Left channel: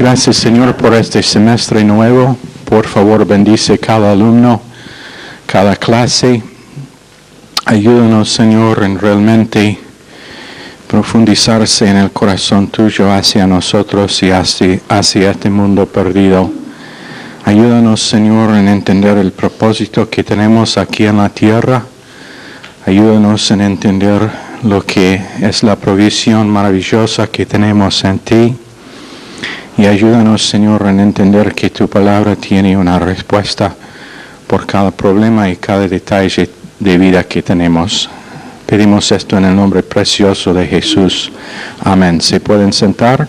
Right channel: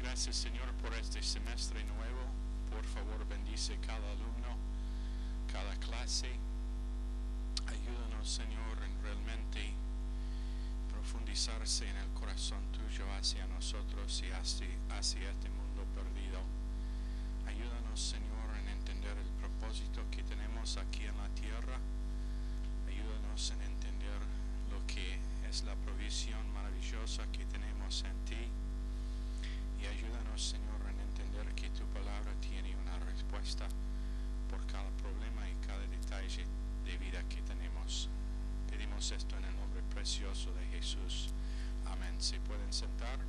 Gracias, Señor, por este semestre nuevo. Por favor, bendice cada alumno, cada clase. Ayúdanos, Señor, en realmente profundizarse en el corazón tuyo hacia nosotros y hacia este mundo perdido. Ayúdanos, Señor, en entender el propósito que tenemos aquí en la tierra. Ayúdanos en entender lo que es la provisión maravillosa que tenemos en ti. Y ayúdanos, Señor, en entender que tu palabra tiene una respuesta por cada problema y cada detalle de vida que tenemos. Pedimos esto en el nombre precioso de Jesús. Amén. ¿Se pueden sentar?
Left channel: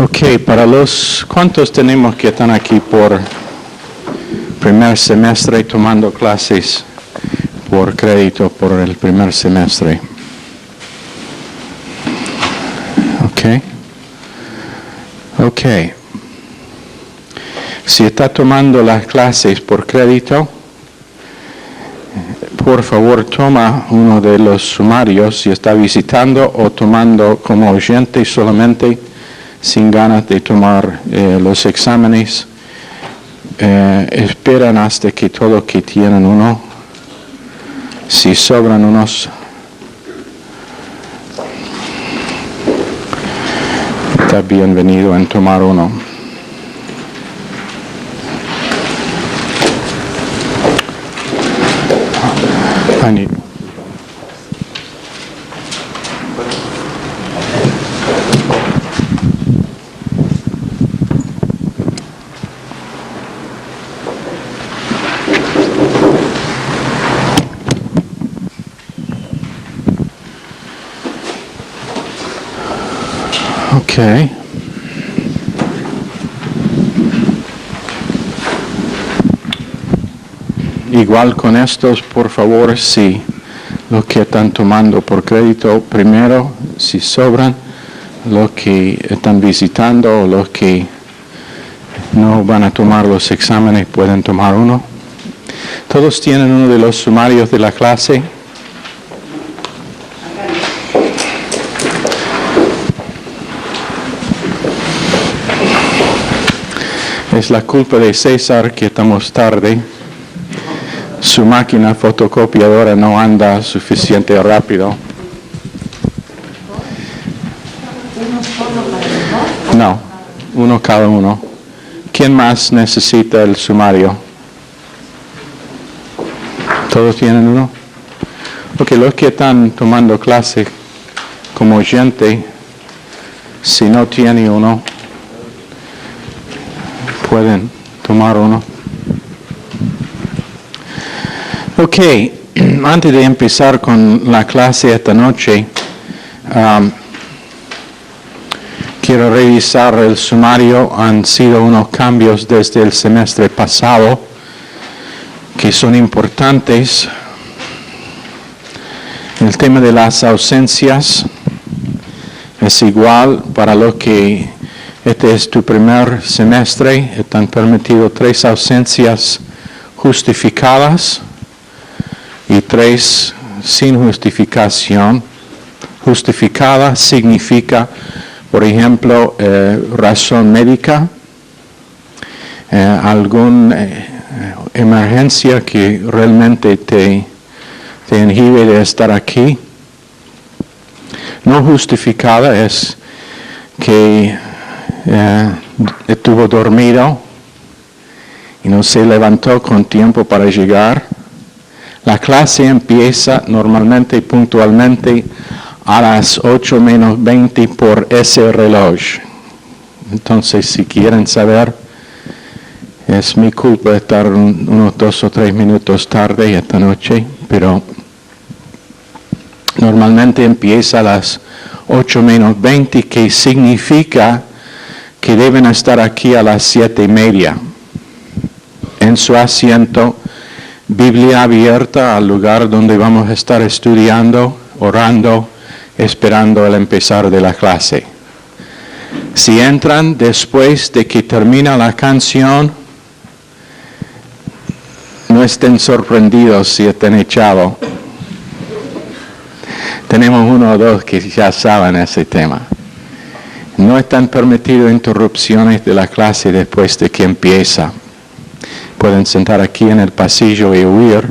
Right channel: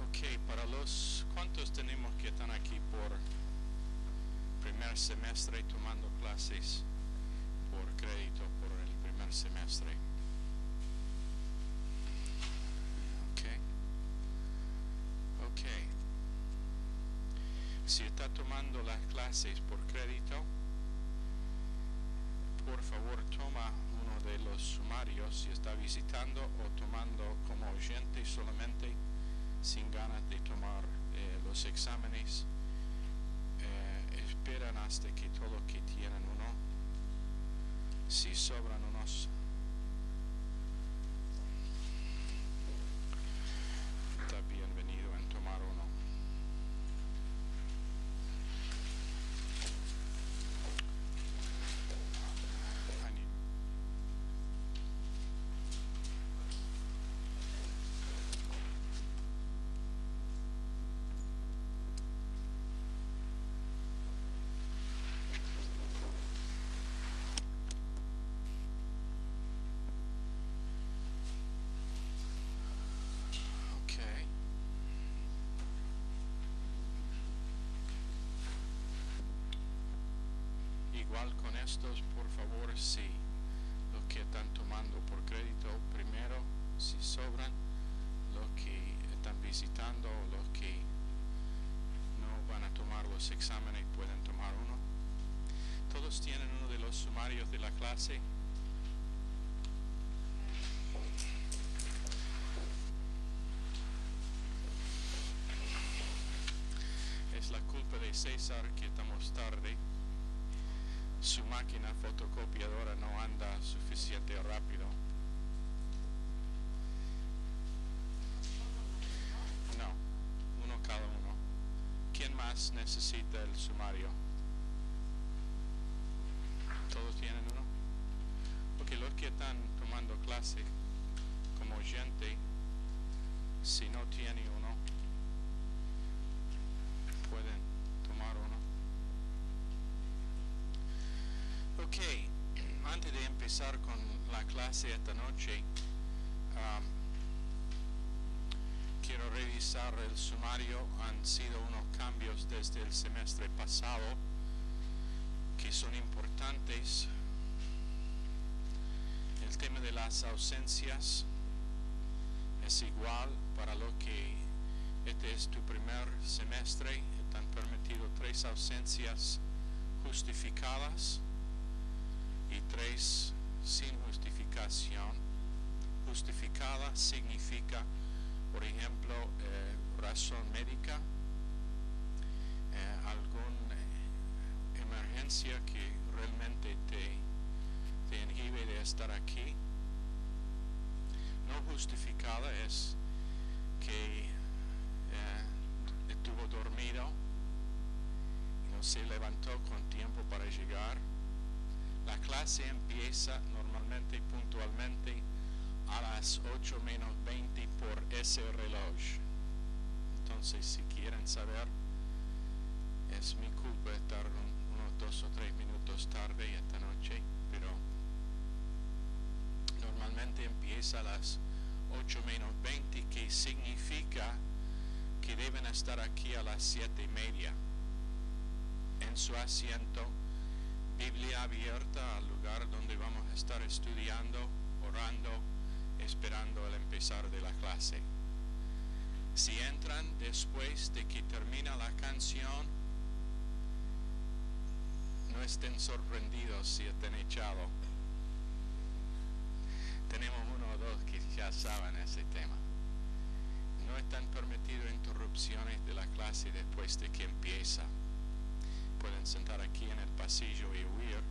Ok, para los ¿cuántos tenemos que están aquí por primer semestre tomando clases por crédito por el primer semestre? Ok. Si está tomando las clases por crédito, por favor toma uno de los sumarios si está visitando o tomando como oyente solamente, sin ganas de tomar los exámenes. Esperan hasta que todos que tienen uno, si sobran unos, está bienvenido en tomar uno. Okay. Igual con estos, por favor, si lo que están tomando por crédito primero, si sobran, los que están visitando o los que no van a tomar los exámenes pueden tomar uno. Todos tienen uno de los sumarios de la clase. Es la culpa de César que estamos tarde. Su máquina fotocopiadora no anda suficiente rápido. No, uno cada uno. ¿Quién más necesita el sumario? ¿Todos tienen uno? Ok, los que están tomando clase como oyente, si no tienen uno, pueden tomar uno. Ok, antes de empezar con la clase esta noche, quiero revisar el sumario. Han sido unos cambios desde el semestre pasado que son importantes. El tema de las ausencias es igual para los que este es tu primer semestre. Están permitidos 3 ausencias justificadas y 3 sin justificación. Justificada significa, por ejemplo, razón médica, alguna emergencia que realmente te inhibe de estar aquí. No justificada es que estuvo dormido y no se levantó con tiempo para llegar. La clase empieza normalmente y puntualmente a las 8 menos 20 por ese reloj. Entonces, si quieren saber, es mi culpa estar unos 2 o 3 minutos tarde esta noche, pero normalmente empieza a las 8 menos 20, que significa que deben estar aquí a las 7:30 en su asiento, Biblia abierta al lugar donde vamos a estar estudiando, orando, esperando el empezar de la clase. Si entran después de que termina la canción, No estén sorprendidos si están echados. Tenemos uno o dos que ya saben ese tema. No están permitidas interrupciones de la clase después de que empieza. Pueden sentar aquí en el pasillo y huir,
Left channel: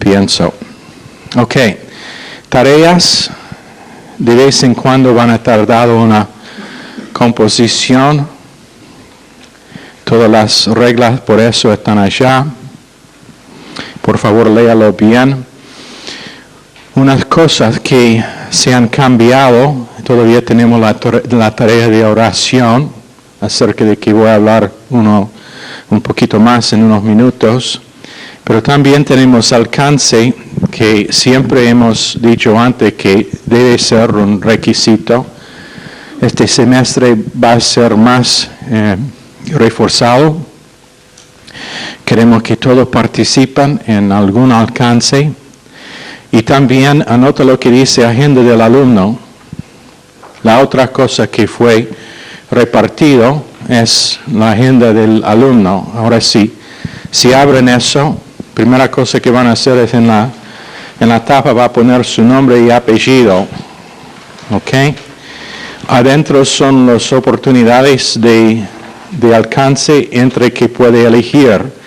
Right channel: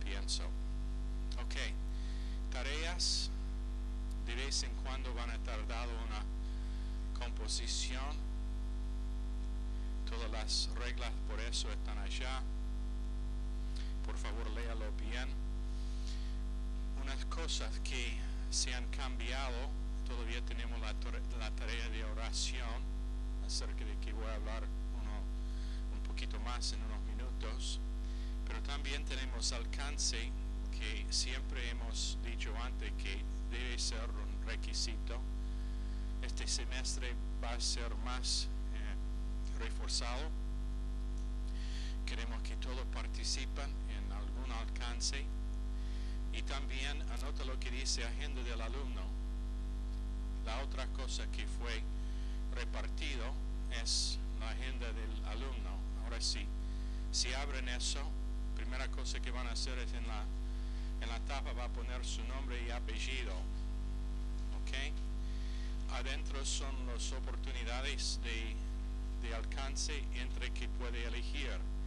pienso. Ok, tareas de vez en cuando van a tardar una composición. Todas las reglas por eso están allá. Por favor, léalo bien. Unas cosas que se han cambiado, todavía tenemos la tarea de oración, acerca de que voy a hablar un poquito más en unos minutos, pero también tenemos alcance, que siempre hemos dicho antes que debe ser un requisito. Este semestre va a ser más reforzado. Queremos que todos participen en algún alcance. Y también anota lo que dice agenda del alumno. La otra cosa que fue repartido es la agenda del alumno. Ahora sí, si abren eso, primera cosa que van a hacer es en la tapa va a poner su nombre y apellido. ¿Ok? Adentro son las oportunidades de alcance entre que puede elegir.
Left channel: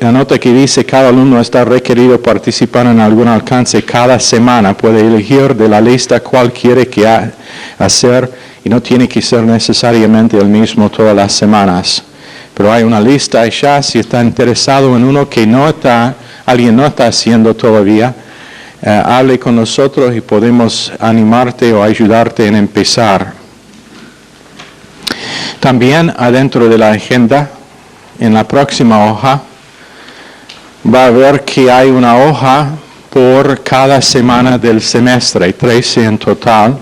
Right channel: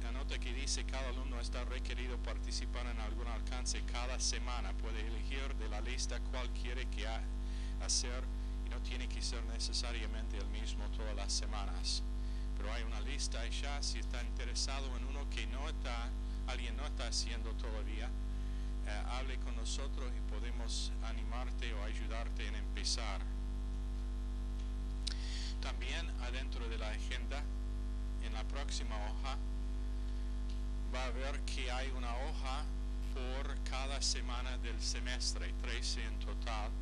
Anota que dice cada alumno está requerido participar en algún alcance cada semana. Puede elegir de la lista cuál quiere hacer y no tiene que ser necesariamente el mismo todas las semanas. Pero hay una lista ya, si está interesado en uno que alguien no está haciendo todavía, hable con nosotros y podemos animarte o ayudarte en empezar. También adentro de la agenda, en la próxima hoja, va a ver que hay una hoja por cada semana del semestre, 13 en total.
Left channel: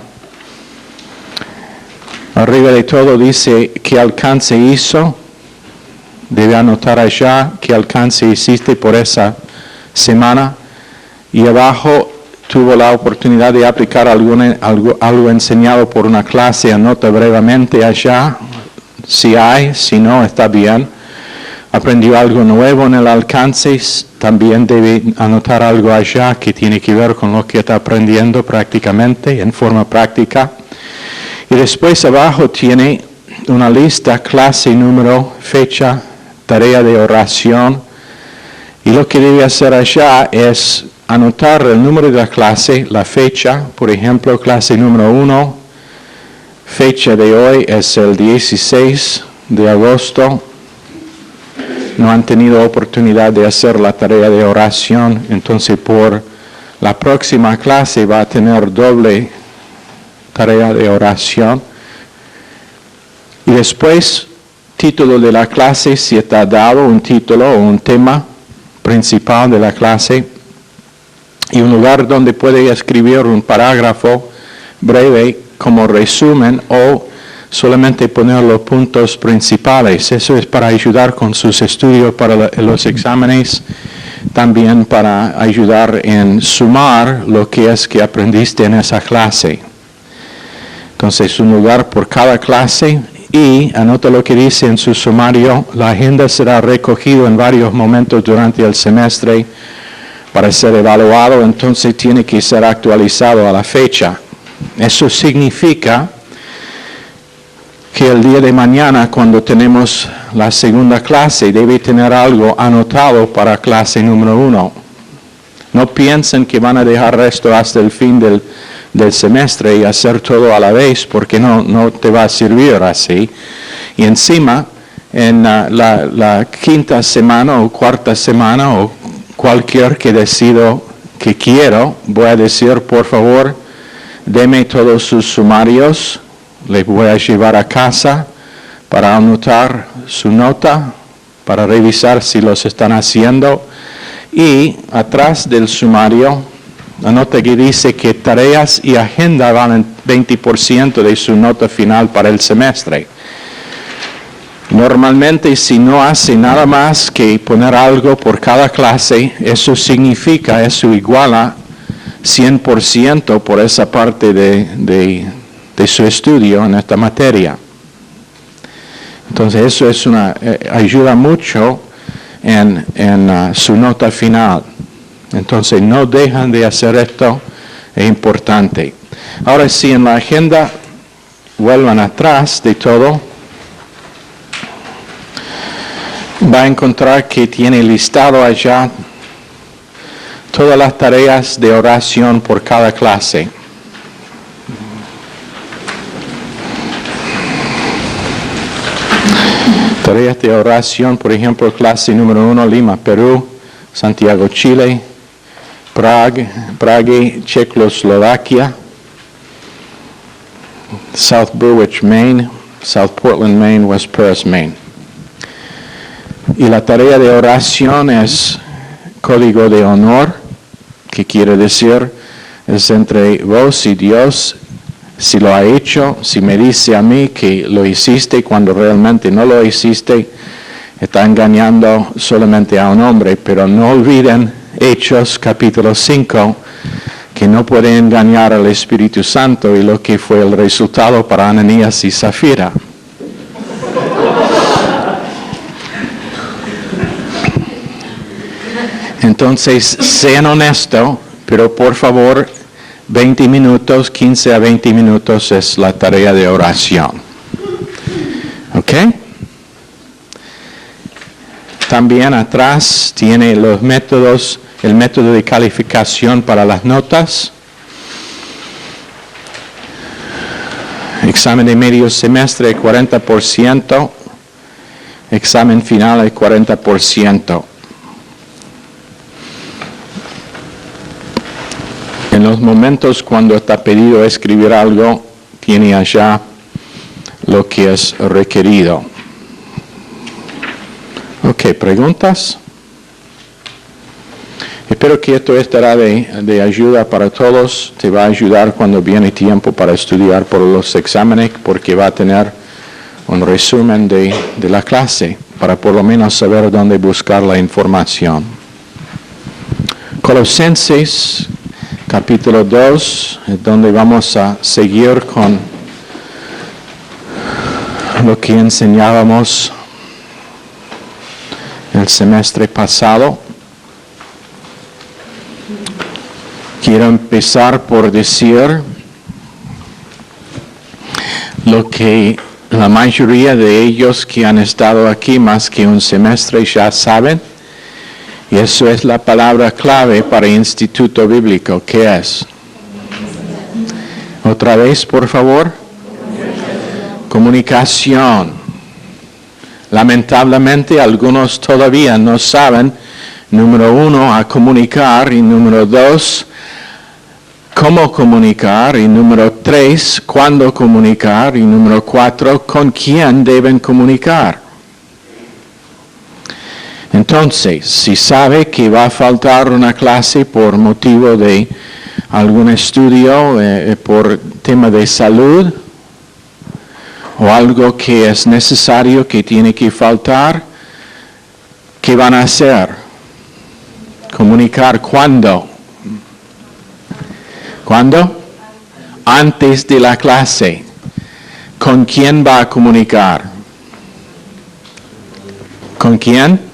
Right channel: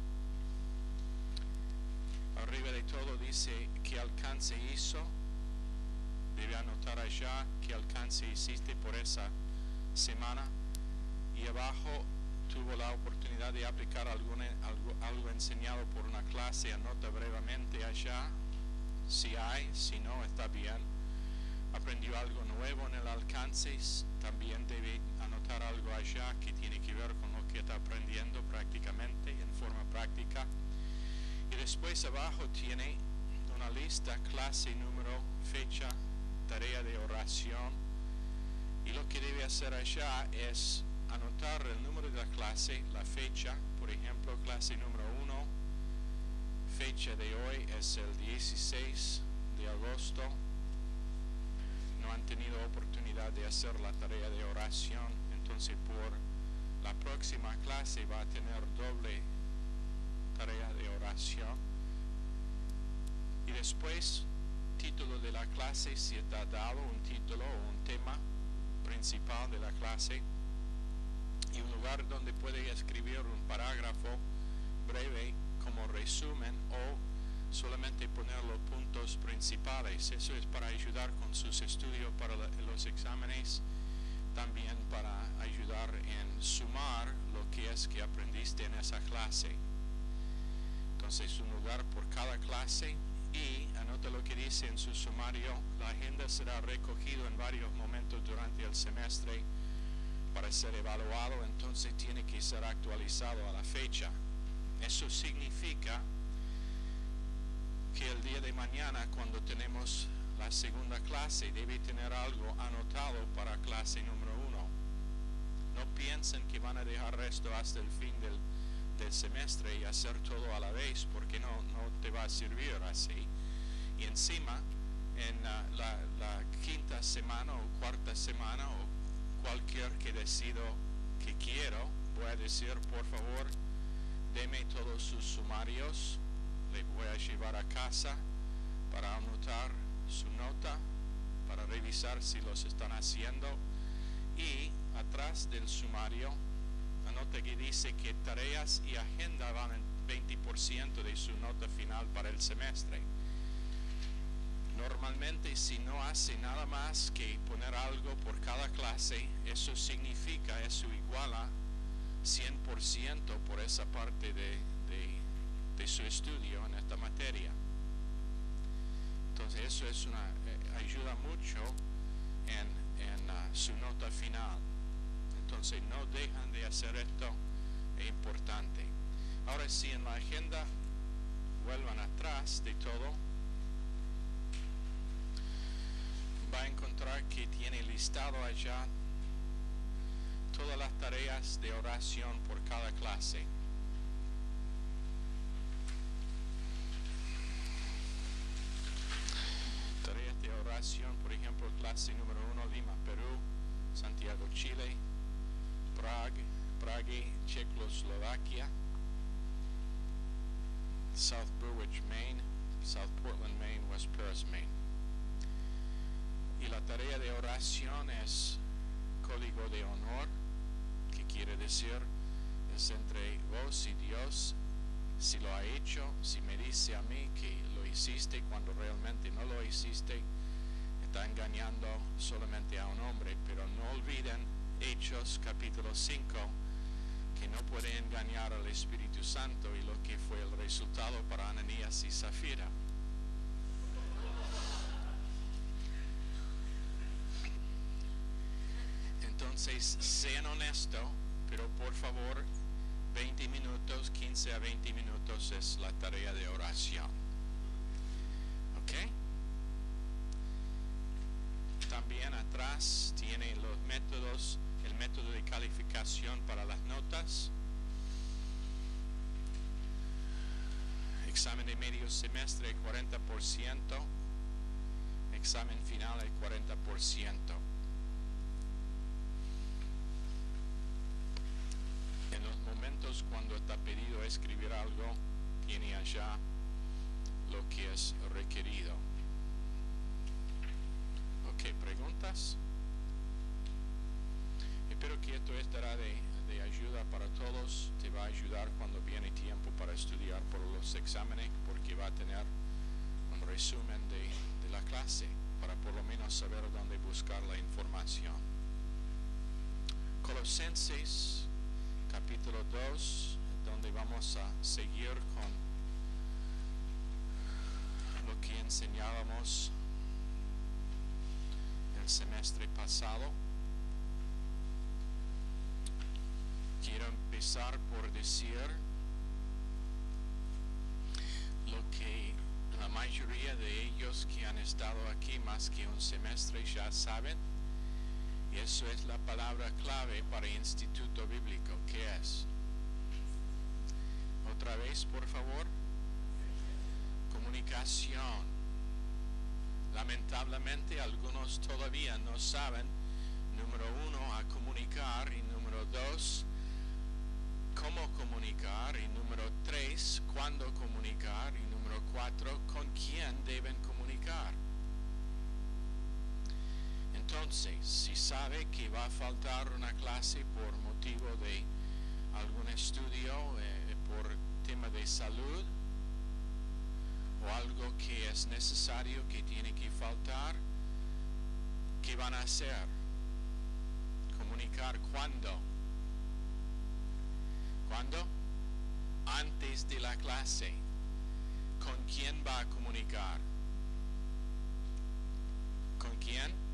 Arriba de todo dice qué alcance hizo. Debe anotar allá qué alcance hiciste por esa semana. Y abajo tuvo la oportunidad de aplicar algo enseñado por una clase. Anota brevemente allá. Si hay, si no, está bien. Aprendió algo nuevo en el alcance, también debe anotar algo allá que tiene que ver con lo que está aprendiendo prácticamente, en forma práctica. Y después abajo tiene una lista, clase, número, fecha, tarea de oración. Y lo que debe hacer allá es anotar el número de la clase, la fecha, por ejemplo, clase número 1, fecha de hoy es el 16 de agosto. No han tenido oportunidad de hacer la tarea de oración, entonces por la próxima clase va a tener doble tarea de oración. Y después, título de la clase, si está dado un título o un tema principal de la clase, y un lugar donde puede escribir un parágrafo breve como resumen o solamente poner los puntos principales. Eso es para ayudar con sus estudios para los exámenes, también para ayudar en sumar lo que es que aprendiste en esa clase. Entonces, un lugar por cada clase y anota lo que dice en su sumario. La agenda será recogida en varios momentos durante el semestre para ser evaluado, entonces tiene que ser actualizado a la fecha. Eso significa que el día de mañana, cuando tenemos la segunda clase, debe tener algo anotado para clase número 1. No piensen que van a dejar esto hasta el fin del semestre y hacer todo a la vez, porque no te va a servir así. Y encima, en la quinta semana o cuarta semana, o cualquier que decido que quiero, voy a decir, por favor, deme todos sus sumarios. Les voy a llevar a casa para anotar su nota, para revisar si los están haciendo. Y atrás del sumario, anota que dice que tareas y agenda valen 20% de su nota final para el semestre. Normalmente, si no hace nada más que poner algo por cada clase, eso iguala 100% por esa parte de su estudio en esta materia. Entonces eso ayuda mucho en su nota final. Entonces no dejan de hacer esto, es importante. Ahora sí, en la agenda, vuelvan atrás de todo. Va a encontrar que tiene listado allá todas las tareas de oración por cada clase. Tareas de oración, por ejemplo, clase número 1, Lima, Perú, Santiago, Chile, Prague, Checoslovaquia, South Berwick, Maine, South Portland, Maine, West Paris, Maine. Y la tarea de oración es código de honor, que quiere decir es entre vos y Dios. Si lo ha hecho, si me dice a mí que lo hiciste cuando realmente no lo hiciste, está engañando solamente a un hombre. Pero no olviden Hechos capítulo 5, que no puede engañar al Espíritu Santo y lo que fue el resultado para Ananías y Zafira. Entonces, sean honestos, pero por favor, 20 minutos, 15 a 20 minutos es la tarea de oración. ¿Ok? También atrás tiene los métodos, el método de calificación para las notas. Examen de medio semestre, 40%. Examen final, el 40%. En los momentos cuando está pedido escribir algo, tiene allá lo que es requerido. Ok, ¿preguntas? Espero que esto estará de ayuda para todos. Te va a ayudar cuando viene tiempo para estudiar por los exámenes, porque va a tener un resumen de la clase, para por lo menos saber dónde buscar la información. Colosenses capítulo 2, es donde vamos a seguir con lo que enseñábamos el semestre pasado. Quiero empezar por decir lo que la mayoría de ellos que han estado aquí más que un semestre ya saben. Y eso es la palabra clave para Instituto Bíblico. ¿Qué es? Otra vez, por favor. Comunicación. Lamentablemente, algunos todavía no saben, número 1, a comunicar, y número 2, cómo comunicar, y número 3, cuándo comunicar, y número 4, con quién deben comunicar. Entonces, si sabe que va a faltar una clase por motivo de algún estudio, por tema de salud, o algo que es necesario que tiene que faltar, ¿qué van a hacer? Comunicar ¿cuándo? ¿Cuándo? Antes de la clase. ¿Con quién va a comunicar? ¿Con quién?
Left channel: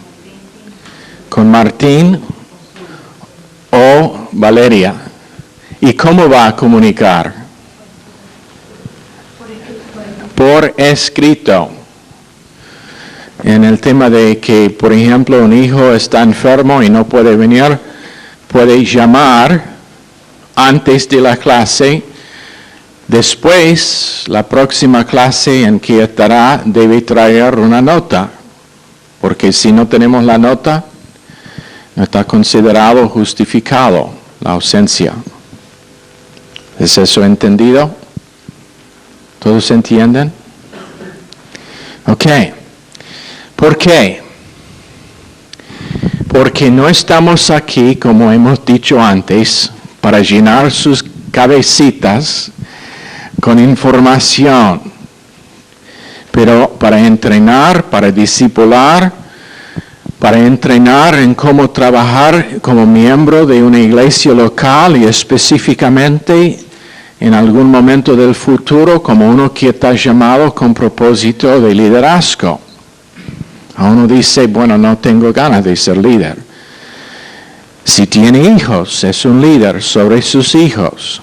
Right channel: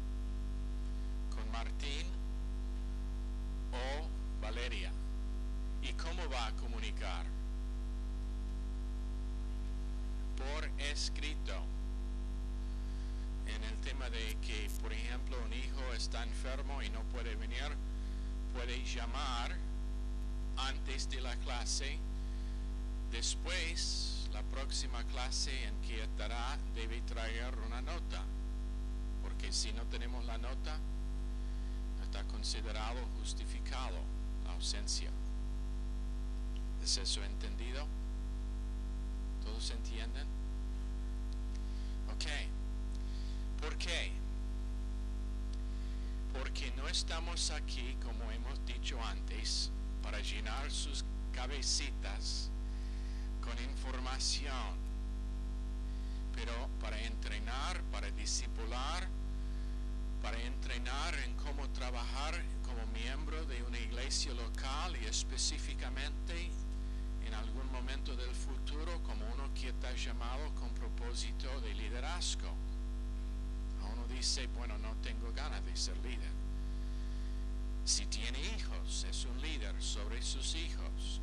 ¿Con Martín o Valeria? ¿Y cómo va a comunicar? Por escrito. En el tema de que, por ejemplo, un hijo está enfermo y no puede venir, puede llamar antes de la clase. Después, la próxima clase en que estará debe traer una nota, porque si no tenemos la nota, no está considerado justificado la ausencia. ¿Es eso entendido? ¿Todos entienden? Ok. ¿Por qué? Porque no estamos aquí, como hemos dicho antes, para llenar sus cabecitas con información, pero para entrenar, para discipular, para entrenar en cómo trabajar como miembro de una iglesia local y específicamente en algún momento del futuro como uno que está llamado con propósito de liderazgo. A uno dice, bueno, no tengo ganas de ser líder. Si tiene hijos, es un líder sobre sus hijos.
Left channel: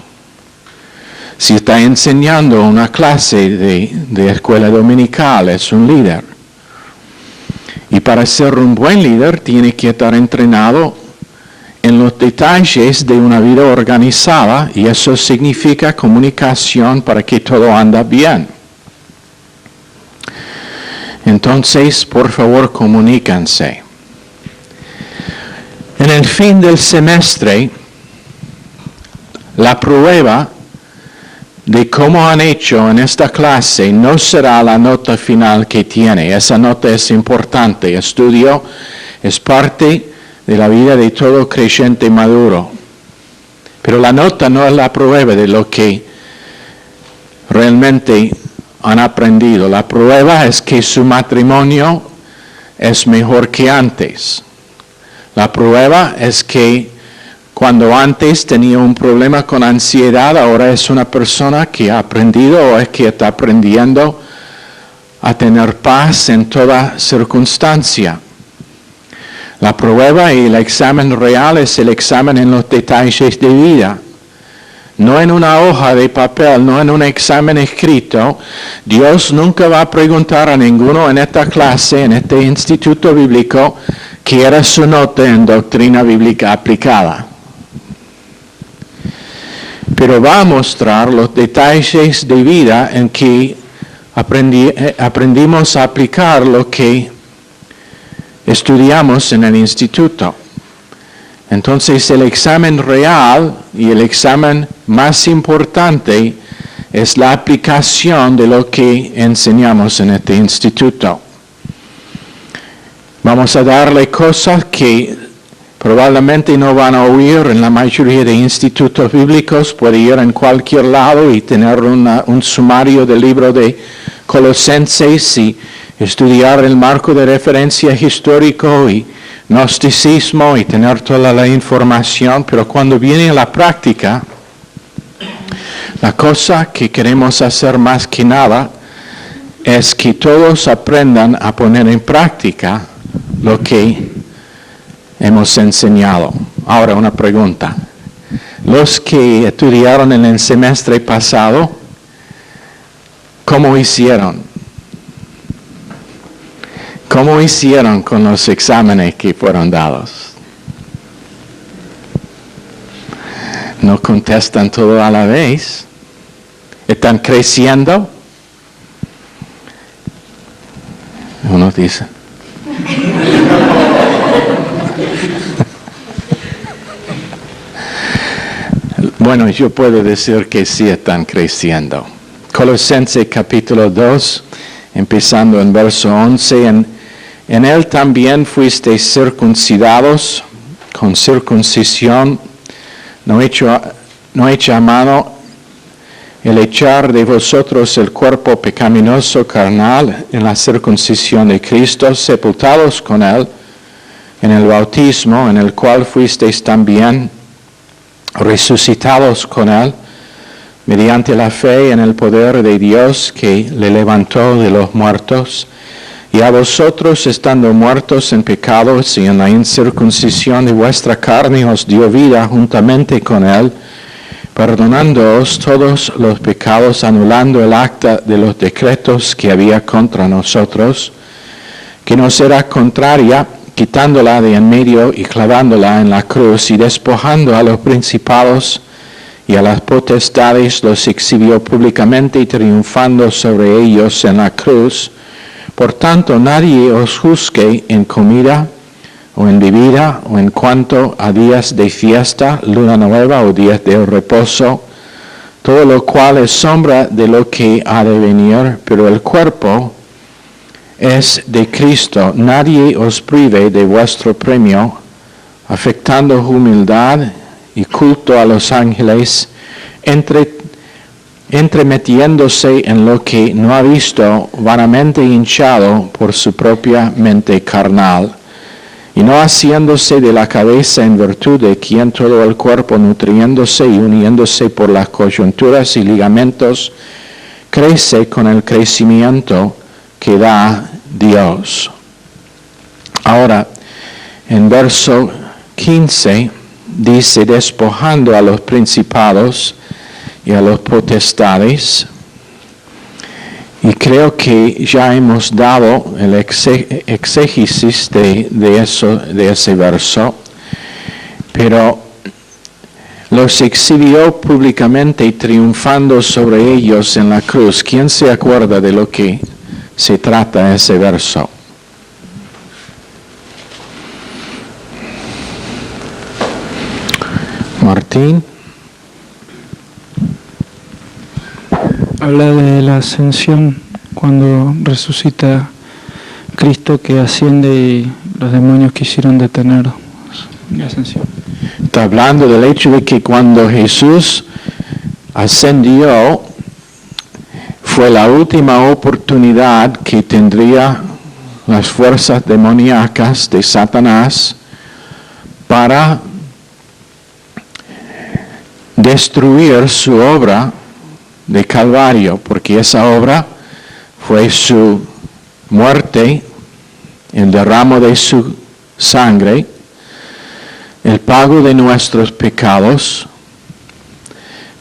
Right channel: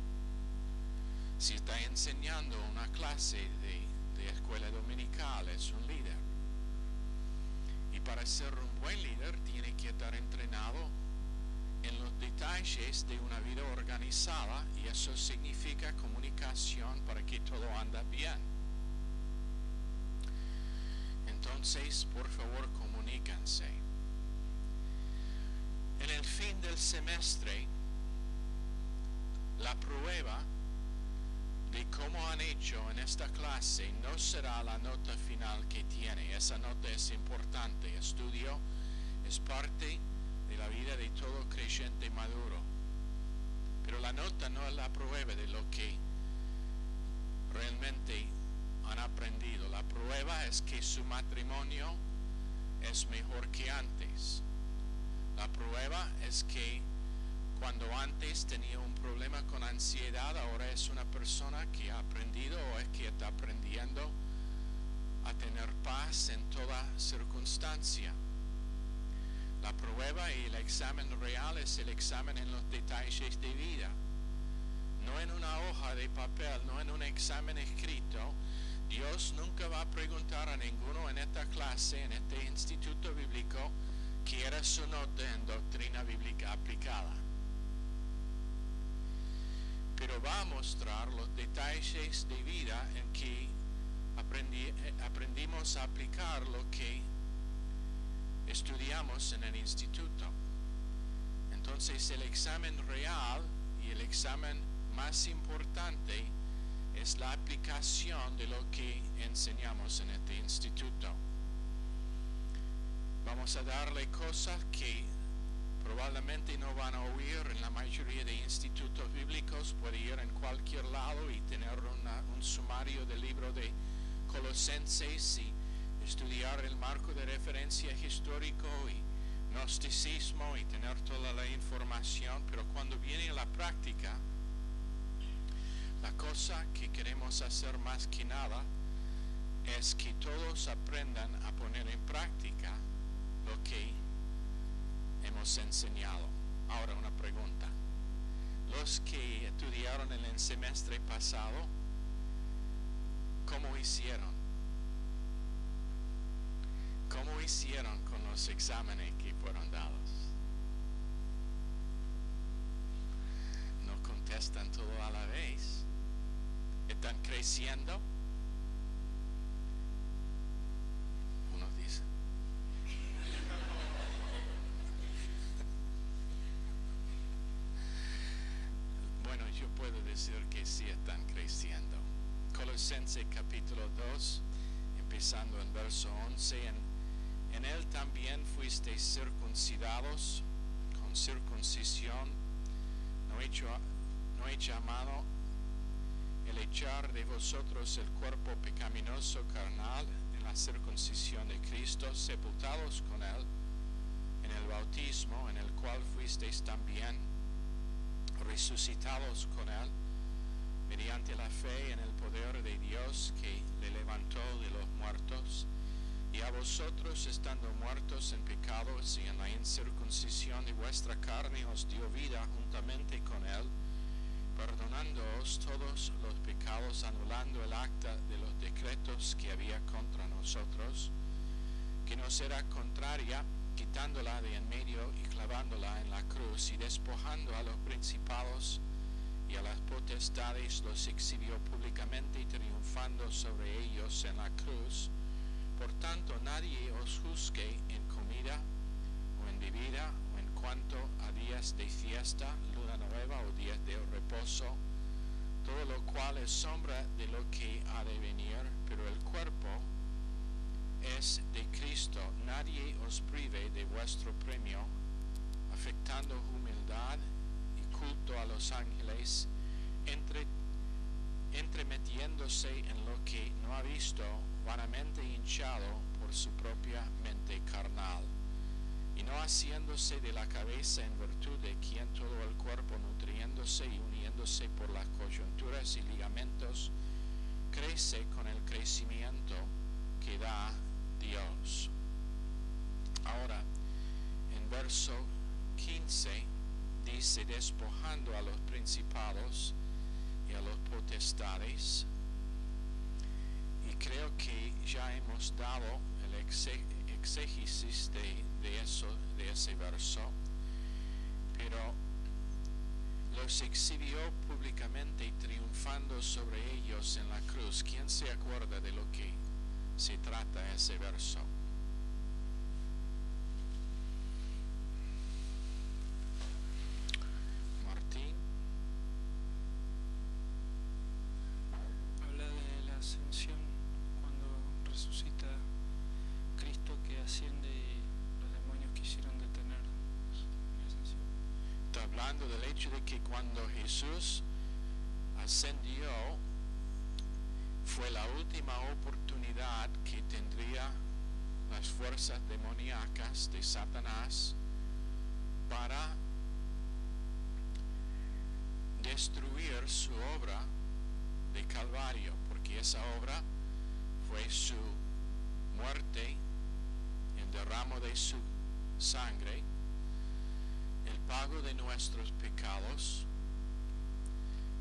Si está enseñando una clase de escuela dominical, es un líder. Y para ser un buen líder, tiene que estar entrenado en los detalles de una vida organizada, y eso significa comunicación para que todo anda bien. Entonces, por favor, comuníquense. En el fin del semestre, la prueba de cómo han hecho en esta clase no será la nota final que tiene. Esa nota es importante. Estudio es parte de la vida de todo creyente maduro. Pero la nota no es la prueba de lo que realmente han aprendido. La prueba es que su matrimonio es mejor que antes. La prueba es que cuando antes tenía un problema con ansiedad, ahora es una persona que ha aprendido o es que está aprendiendo a tener paz en toda circunstancia. La prueba y el examen real es el examen en los detalles de vida. No en una hoja de papel, no en un examen escrito. Dios nunca va a preguntar a ninguno en esta clase, en este instituto bíblico, qué era su nota en doctrina bíblica aplicada. Pero va a mostrar los detalles de vida en que aprendimos a aplicar lo que estudiamos en el instituto. Entonces el examen real y el examen más importante es la aplicación de lo que enseñamos en este instituto. Vamos a darle cosas que probablemente no van a oír en la mayoría de institutos bíblicos. Puede ir en cualquier lado y tener un sumario del libro de Colosenses y estudiar el marco de referencia histórico y gnosticismo y tener toda la información, pero cuando viene a la práctica, la cosa que queremos hacer más que nada es que todos aprendan a poner en práctica lo que hemos enseñado. Ahora una pregunta. Los que estudiaron en el semestre pasado, ¿cómo hicieron? ¿Cómo hicieron con los exámenes que fueron dados? No contestan todo a la vez. ¿Están creciendo? Uno dice. Bueno, yo puedo decir que sí están creciendo. Colosenses capítulo 2, empezando en verso 11, en él también fuisteis circuncidados con circuncisión, no hecha a mano, el echar de vosotros el cuerpo pecaminoso carnal en la circuncisión de Cristo, sepultados con él en el bautismo, en el cual fuisteis también resucitados con él, mediante la fe en el poder de Dios que le levantó de los muertos, y a vosotros, estando muertos en pecados y en la incircuncisión de vuestra carne, os dio vida juntamente con él, perdonándoos todos los pecados, anulando el acta de los decretos que había contra nosotros, que nos era contraria, quitándola de en medio y clavándola en la cruz, y despojando a los principados y a las potestades, los exhibió públicamente y triunfando sobre ellos en la cruz. Por tanto, nadie os juzgue en comida o en bebida o en cuanto a días de fiesta, luna nueva o días de reposo, todo lo cual es sombra de lo que ha de venir, pero el cuerpo es de Cristo. Nadie os prive de vuestro premio, afectando humildad y culto a los ángeles, entremetiéndose en lo que no ha visto, vanamente hinchado por su propia mente carnal, y no haciéndose de la cabeza en virtud de quien todo el cuerpo, nutriéndose y uniéndose por las coyunturas y ligamentos, crece con el crecimiento que da Dios. Ahora, en verso 15 dice, despojando a los principados y a los potestades. Y creo que ya hemos dado el exégesis de ese verso, pero los exhibió públicamente triunfando sobre ellos en la cruz. ¿Quién se acuerda de lo que se trata ese verso? Martín. Habla de la ascensión, cuando resucita Cristo, que asciende y los demonios quisieron detener la ascensión. Está hablando del hecho de que cuando Jesús ascendió, fue la última oportunidad que tendría las fuerzas demoníacas de Satanás para destruir su obra de Calvario, porque esa obra fue su muerte, el derramo de su sangre, el pago de nuestros pecados,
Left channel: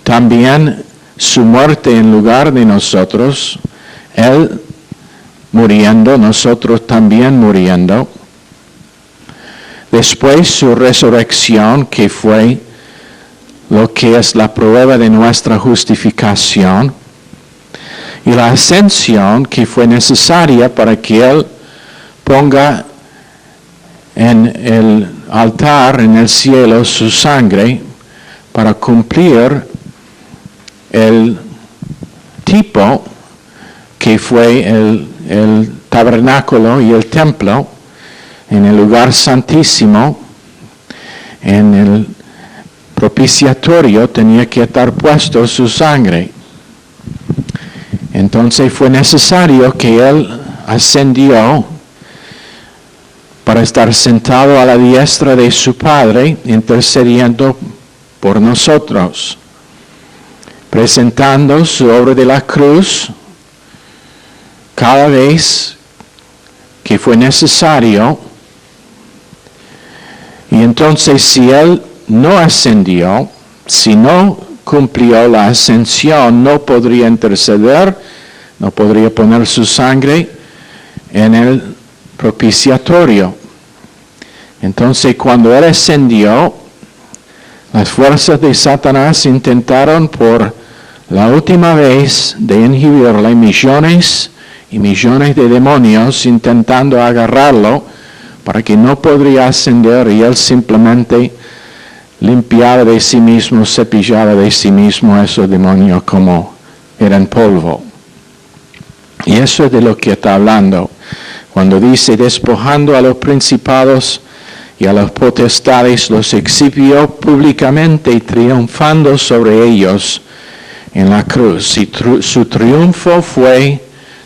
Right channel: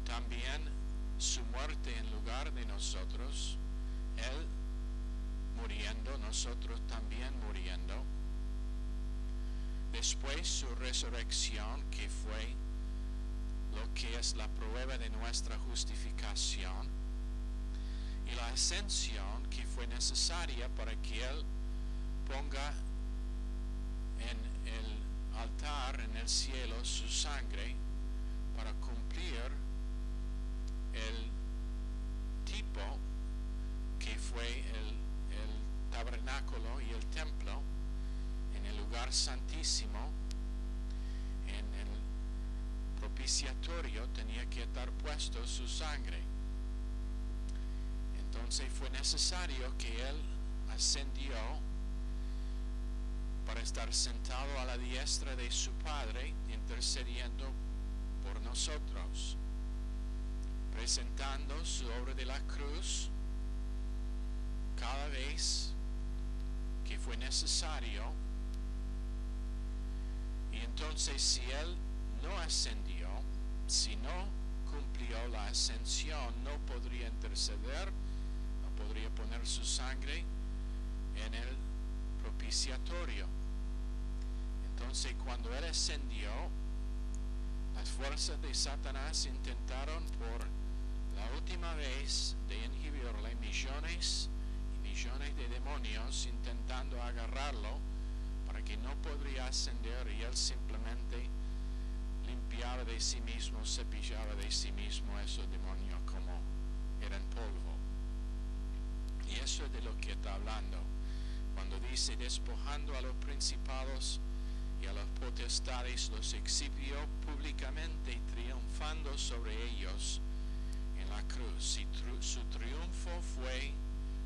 también su muerte en lugar de nosotros, Él muriendo, nosotros también muriendo, después su resurrección, que fue lo que es la prueba de nuestra justificación, y la ascensión que fue necesaria para que Él ponga en el altar en el cielo su sangre para cumplir el tipo que fue el tabernáculo y el templo en el lugar santísimo, en el propiciatorio tenía que estar puesto su sangre. Entonces fue necesario que Él ascendió para estar sentado a la diestra de su Padre, intercediendo por nosotros, presentando su obra de la cruz cada vez que fue necesario. Y entonces si Él no ascendió, si no cumplió la ascensión, no podría interceder, no podría poner su sangre en el propiciatorio. Entonces cuando Él ascendió, las fuerzas de Satanás intentaron por la última vez de inhibirle, millones y millones de demonios intentando agarrarlo para que no podría ascender, y Él simplemente limpiaba de sí mismo, cepillaba de sí mismo a esos demonios como eran polvo. Y eso es de lo que está hablando cuando dice, despojando a los principados y a las potestades, los exhibió públicamente, triunfando sobre ellos en la cruz. Y su triunfo fue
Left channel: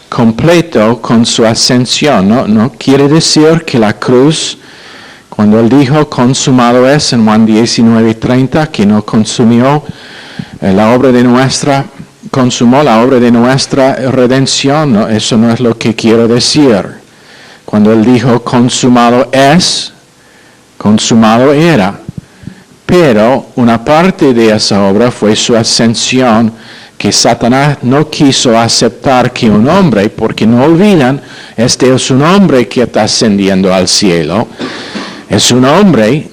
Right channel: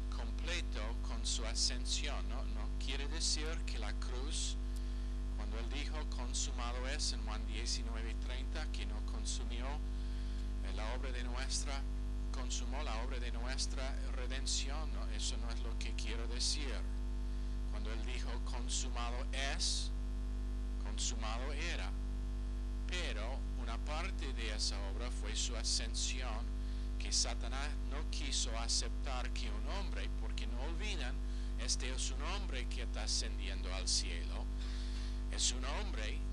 completo con su ascensión. No quiere decir que la cruz, cuando Él dijo, consumado es, en Juan 19:30, que no consumió consumó la obra de nuestra redención, ¿no? Eso no es lo que quiero decir. Cuando Él dijo, consumado es, consumado era. Pero una parte de esa obra fue su ascensión, que Satanás no quiso aceptar que un hombre, porque no olvidan, este es un hombre que está ascendiendo al cielo. Es un hombre,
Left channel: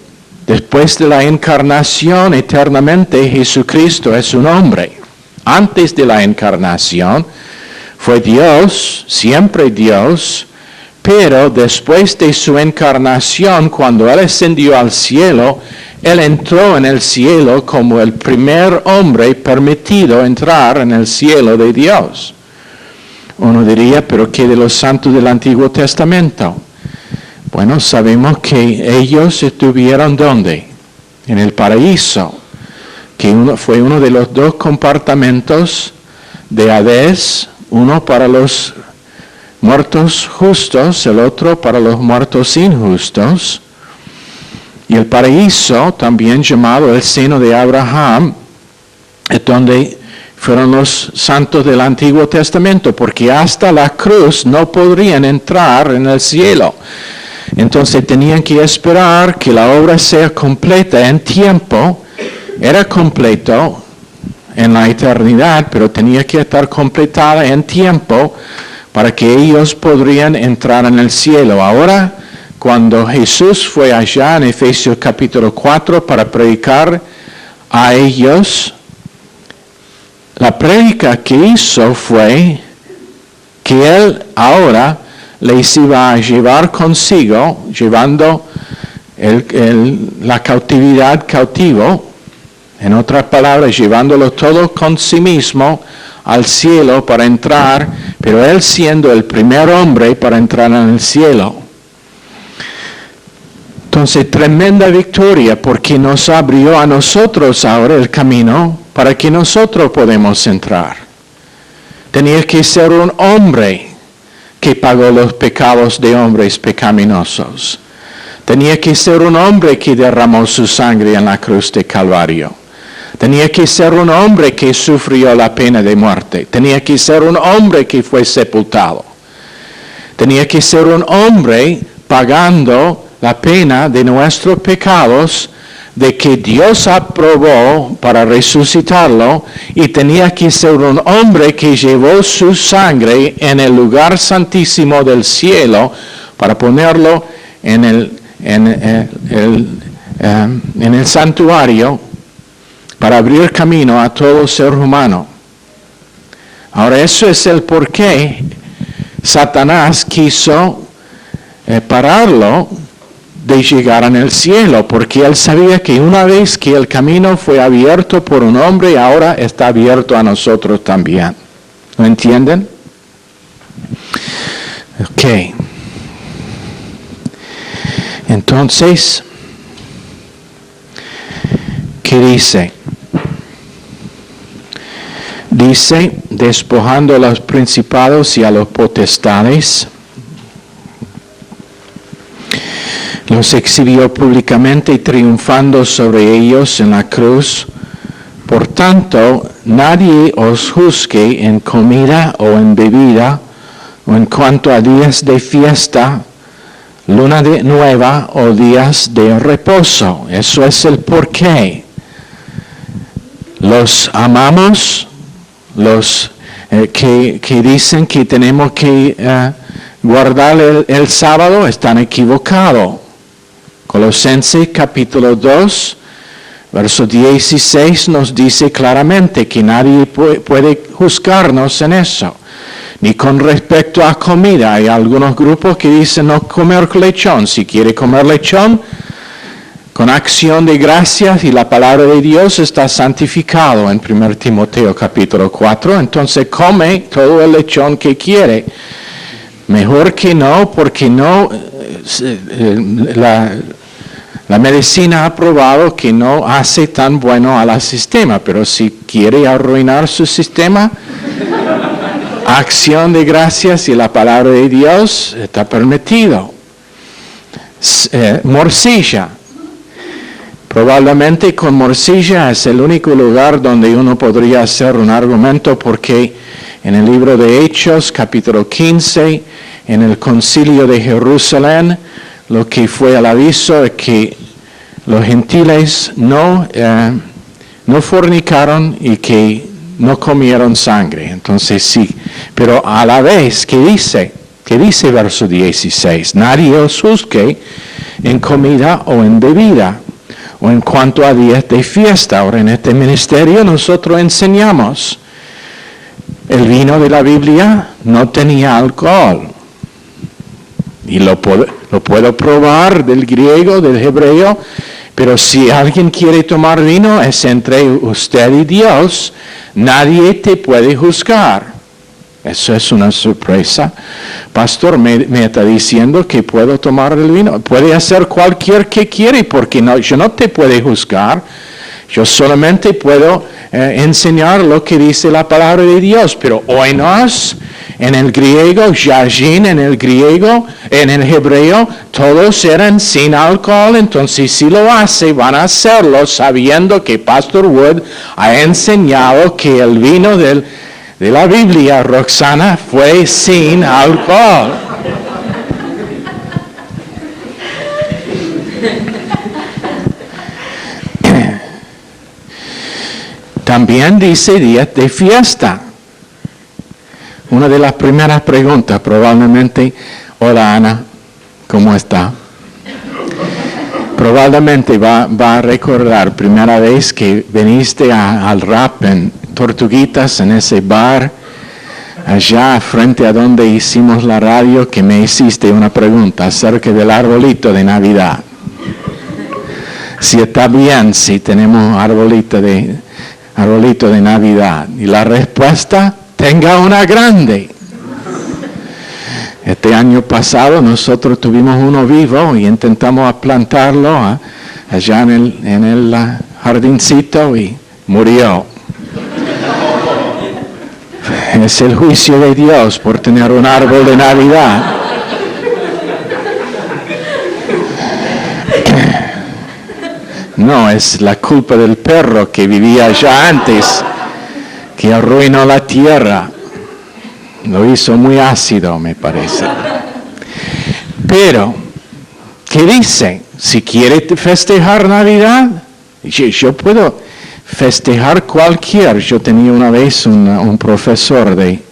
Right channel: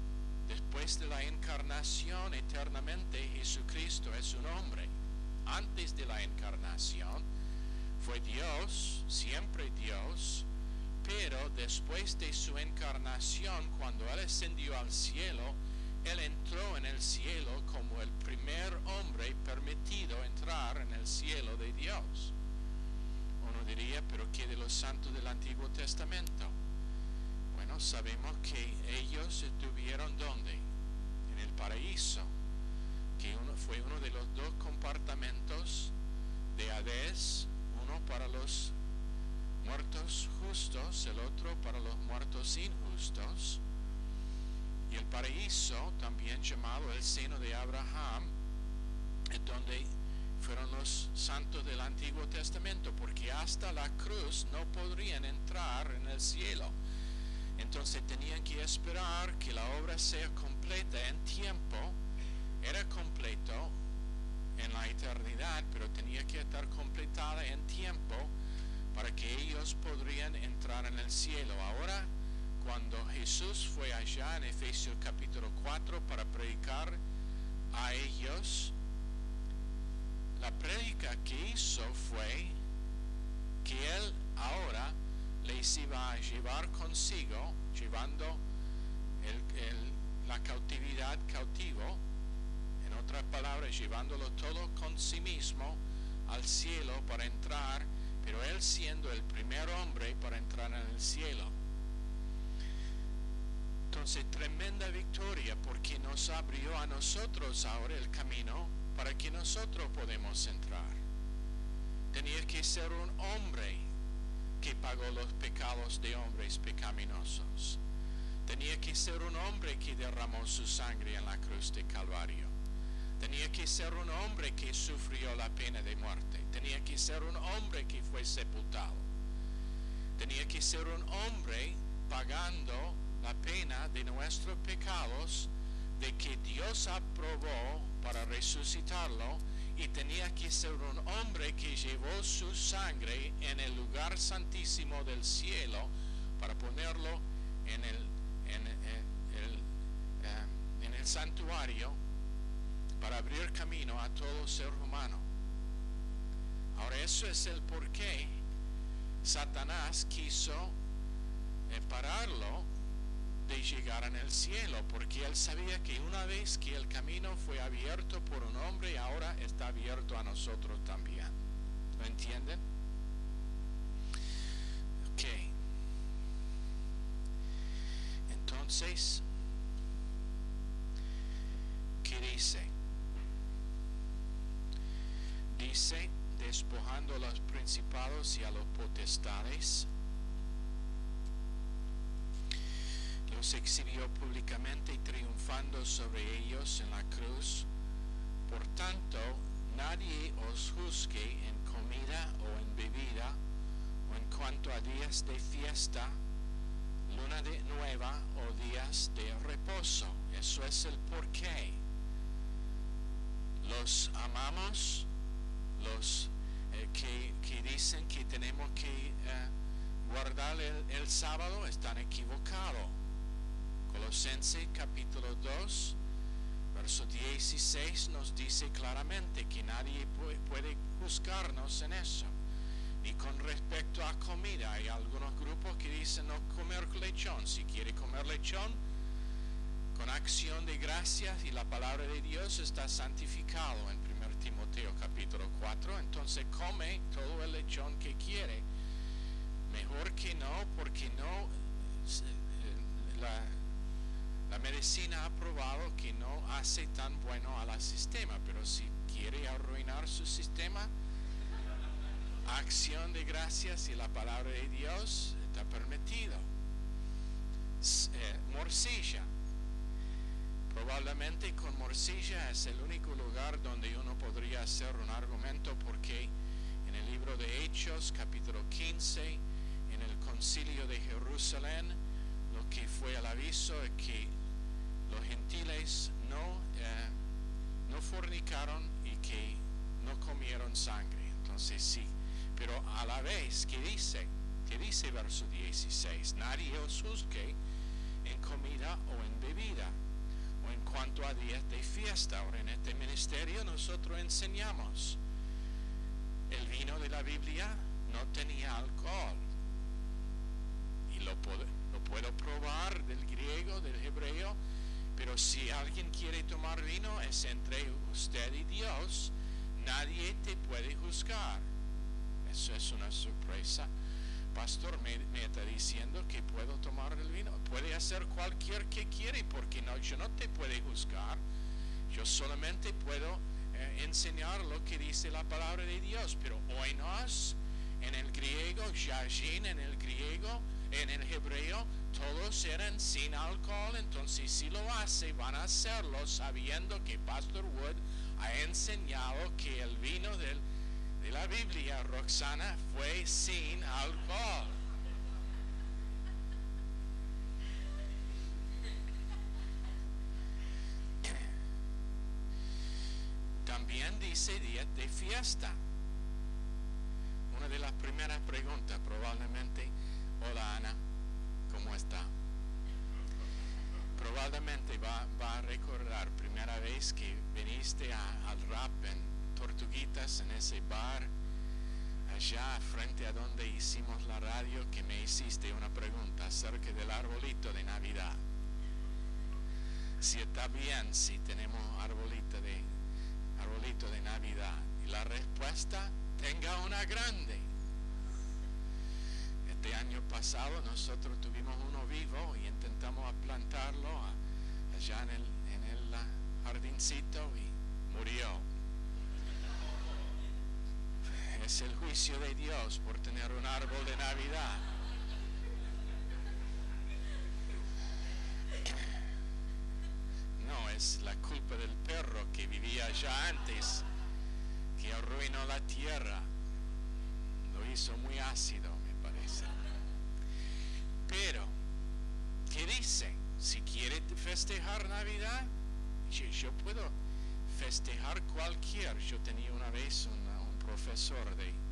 después de la encarnación eternamente, Jesucristo es un hombre. Antes de la encarnación fue Dios, siempre Dios, pero después de su encarnación, cuando Él ascendió al cielo, Él entró en el cielo como el primer hombre permitido entrar en el cielo de Dios. Uno diría, pero ¿qué de los santos del Antiguo Testamento? Bueno, sabemos que ellos estuvieron ¿dónde? En el paraíso, que fue uno de los dos compartimentos de Hades, uno para los muertos justos, el otro para los muertos injustos. Y el paraíso, también llamado el seno de Abraham, es donde fueron los santos del Antiguo Testamento, porque hasta la cruz no podrían entrar en el cielo. Entonces tenían que esperar que la obra sea completa en tiempo. Era completo en la eternidad, pero tenía que estar completada en tiempo para que ellos podrían entrar en el cielo. Ahora, cuando Jesús fue allá en Efesios capítulo 4 para predicar a ellos, la prédica que hizo fue que Él ahora les iba a llevar consigo, llevando la cautividad cautivo, en otras palabras, llevándolo todo con sí mismo al cielo para entrar, pero Él siendo el primer hombre para entrar en el cielo. Entonces, tremenda victoria porque nos abrió a nosotros ahora el camino para que nosotros podamos entrar. Tenía que ser un hombre que pagó los pecados de hombres pecaminosos. Tenía que ser un hombre que derramó su sangre en la cruz de Calvario. Tenía que ser un hombre que sufrió la pena de muerte. Tenía que ser un hombre que fue sepultado. Tenía que ser un hombre pagando la pena de nuestros pecados, de que Dios aprobó para resucitarlo, y tenía que ser un hombre que llevó su sangre en el lugar santísimo del cielo para ponerlo en el santuario para abrir camino a todo ser humano. Ahora, eso es el por qué Satanás quiso pararlo de llegar en el cielo, porque él sabía que una vez que el camino fue abierto por un hombre, ahora está abierto a nosotros también. ¿Lo entienden? Ok. Entonces, ¿qué dice? Dice, despojando a los principados y a los potestades, los exhibió públicamente, triunfando sobre ellos en la cruz. Por tanto, nadie os juzgue en comida o en bebida, o en cuanto a días de fiesta, luna nueva o días de reposo. Eso es el porqué. Los amamos, los que dicen que tenemos que guardar el sábado, están equivocados. Colosenses capítulo 2, verso 16 nos dice claramente que nadie puede juzgarnos en eso, ni con respecto a comida. Hay algunos grupos que dicen no comer lechón. Si quiere comer lechón, con acción de gracias y la palabra de Dios está santificado en 1 Timoteo capítulo 4, entonces come todo el lechón que quiere. Mejor que no, porque no, la medicina ha probado que no hace tan bueno al sistema, pero si quiere arruinar su sistema, acción de gracias y la palabra de Dios está permitido. Morcilla. Probablemente con morcilla es el único lugar donde uno podría hacer un argumento, porque en el libro de Hechos, capítulo 15, en el concilio de Jerusalén, lo que fue el aviso es que los gentiles no fornicaron y que no comieron sangre. Entonces sí, pero a la vez, ¿qué dice verso 16? Nadie os juzgue en comida o en bebida, o en cuanto a días de fiesta. Ahora, en este ministerio nosotros enseñamos, el vino de la Biblia no tenía alcohol. Y lo puedo probar del griego, del hebreo, pero si alguien quiere tomar vino, es entre usted y Dios. Nadie te puede juzgar. Eso es una sorpresa. Pastor, me está diciendo que puedo tomar el vino. Puede hacer cualquier que quiere, porque yo no te puedo juzgar. Yo solamente puedo enseñar lo que dice la palabra de Dios. Pero oinos, en el griego, yajin, en el hebreo, todos eran sin alcohol. Entonces, si lo hace, van a hacerlo sabiendo que Pastor Wood ha enseñado que el vino de la Biblia, Roxana, fue sin alcohol. También dice días de fiesta. Una de las primeras preguntas probablemente, hola Ana, ¿cómo está? Probablemente va a recordar primera vez que viniste al rap en Tortuguitas, en ese bar, allá frente a donde hicimos la radio, que me hiciste una pregunta acerca del arbolito de Navidad. Si está bien, si tenemos arbolito de Navidad. Y la respuesta, tenga una grande. Este año pasado nosotros tuvimos uno vivo y intentamos plantarlo allá en el jardincito y murió. Es el juicio de Dios por tener un árbol de Navidad. No, es la culpa del perro que vivía allá antes, que arruinó la tierra. Lo hizo muy ácido, me parece. Pero, ¿qué dice? Si quiere festejar Navidad, yo puedo festejar cualquier. Yo tenía una vez un profesor de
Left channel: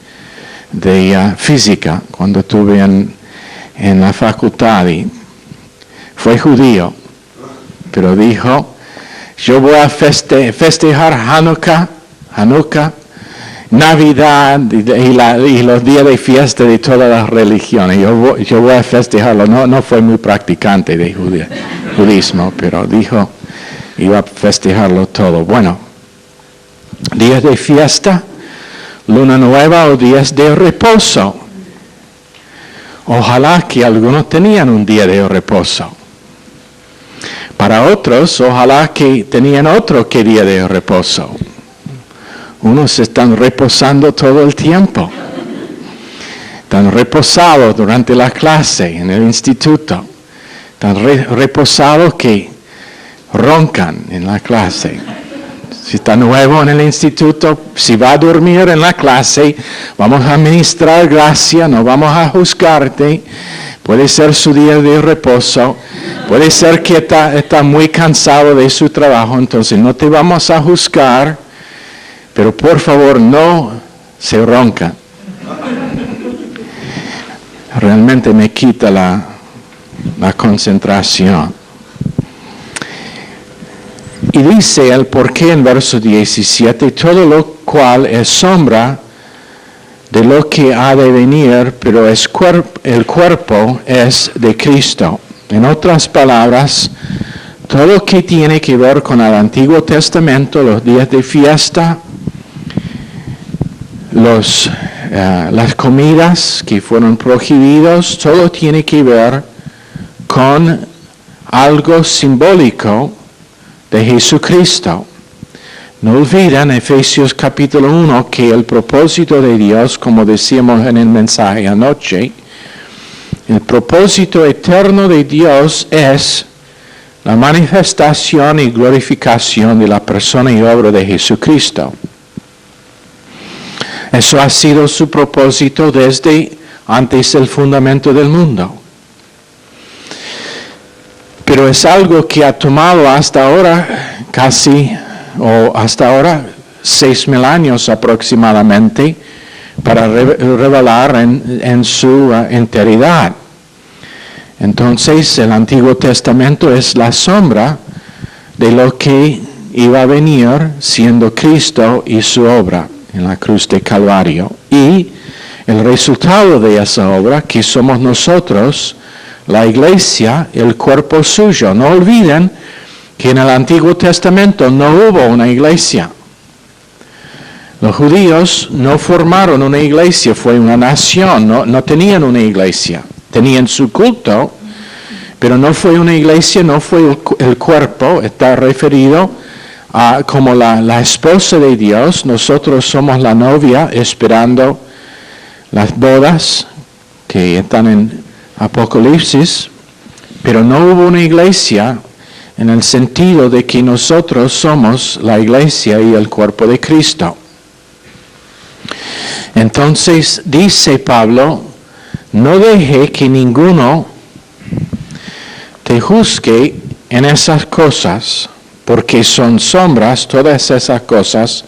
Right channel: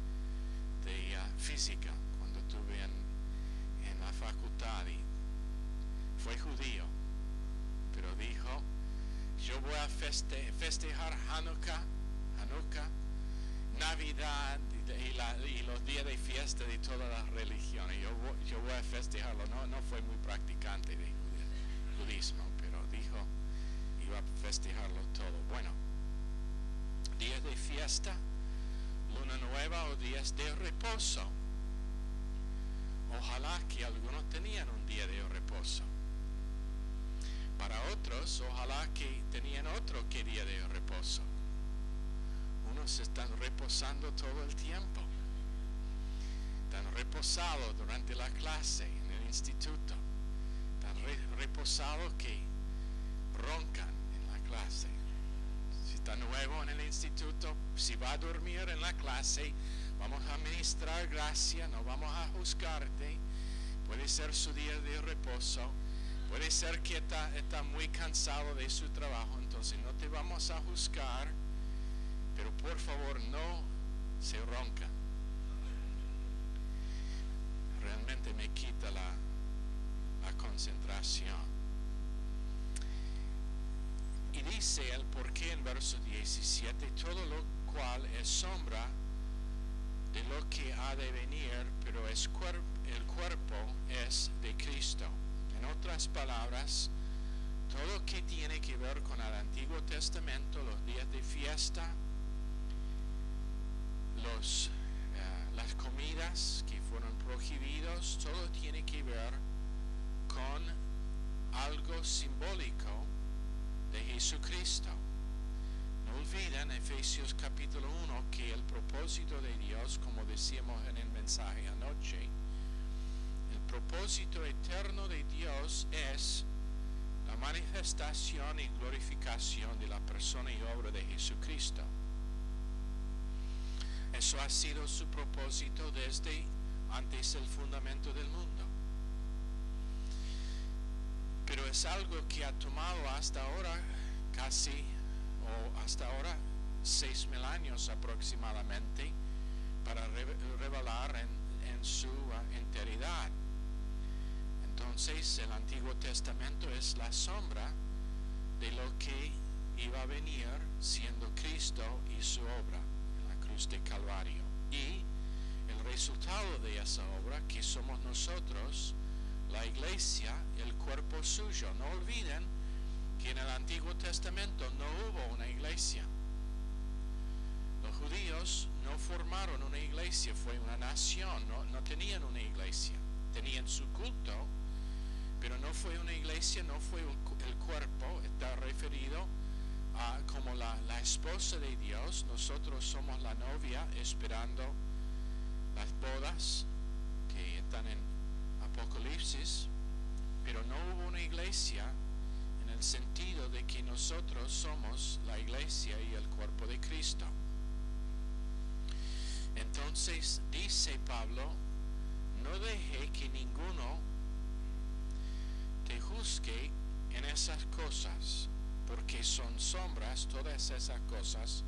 física cuando estuve en la facultad y fue judío. Pero dijo, yo voy a festejar Hanukkah, Navidad y los días de fiesta de todas las religiones. Yo voy a festejarlo. No fue muy practicante de judismo, pero dijo, iba a festejarlo todo. Bueno, días de fiesta, luna nueva o días de reposo. Ojalá que algunos tenían un día de reposo. Para otros, ojalá que tenían otro que día de reposo. Unos están reposando todo el tiempo. Están reposados durante la clase, en el instituto. Están reposados que roncan en la clase. Si está nuevo en el instituto, si va a dormir en la clase, vamos a administrar gracia, no vamos a juzgarte. Puede ser su día de reposo. Puede ser que está muy cansado de su trabajo, entonces no te vamos a juzgar. Pero por favor, no se ronca. Realmente me quita la concentración. Y dice el porqué en verso 17, todo lo cual es sombra de lo que ha de venir, pero el cuerpo es de Cristo. En otras palabras, todo lo que tiene que ver con el Antiguo Testamento, los días de fiesta, las comidas que fueron prohibidos, todo tiene que ver con algo simbólico de Jesucristo. No olviden Efesios capítulo 1 que el propósito de Dios, como decíamos en el mensaje anoche, el propósito eterno de Dios es la manifestación y glorificación de la persona y obra de Jesucristo. Eso ha sido su propósito desde antes del fundamento del mundo. Pero es algo que ha tomado hasta ahora hasta ahora 6,000 años aproximadamente para revelar en su enteridad. Entonces el Antiguo Testamento es la sombra de lo que iba a venir siendo Cristo y su obra en la cruz de Calvario. Y el resultado de esa obra, que somos nosotros, la iglesia, el cuerpo suyo. No olviden que en el Antiguo Testamento no hubo una iglesia. Los judíos no formaron una iglesia, fue una nación, no tenían una iglesia. Tenían su culto, pero no fue una iglesia, no fue el cuerpo, está referido a como la esposa de Dios. Nosotros somos la novia esperando las bodas que están en Apocalipsis, pero no hubo una iglesia en el sentido de que nosotros somos la iglesia y el cuerpo de Cristo. Entonces dice Pablo, no deje que ninguno te juzgue en esas cosas, porque son sombras, todas esas cosas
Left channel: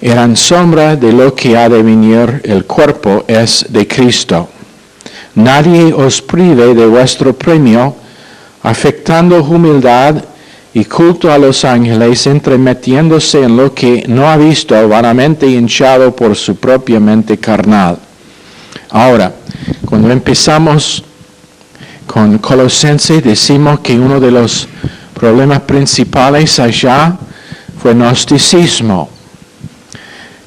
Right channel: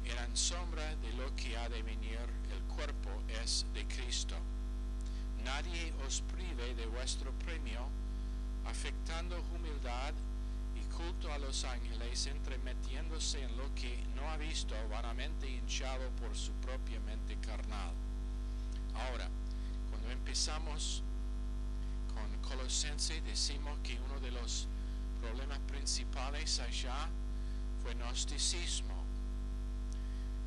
eran sombras de lo que ha de venir, el cuerpo es de Cristo. Nadie os prive de vuestro premio, afectando humildad y culto a los ángeles, entremetiéndose en lo que no ha visto, vanamente hinchado por su propia mente carnal. Ahora, cuando empezamos con Colosenses, decimos que uno de los problemas principales allá fue gnosticismo,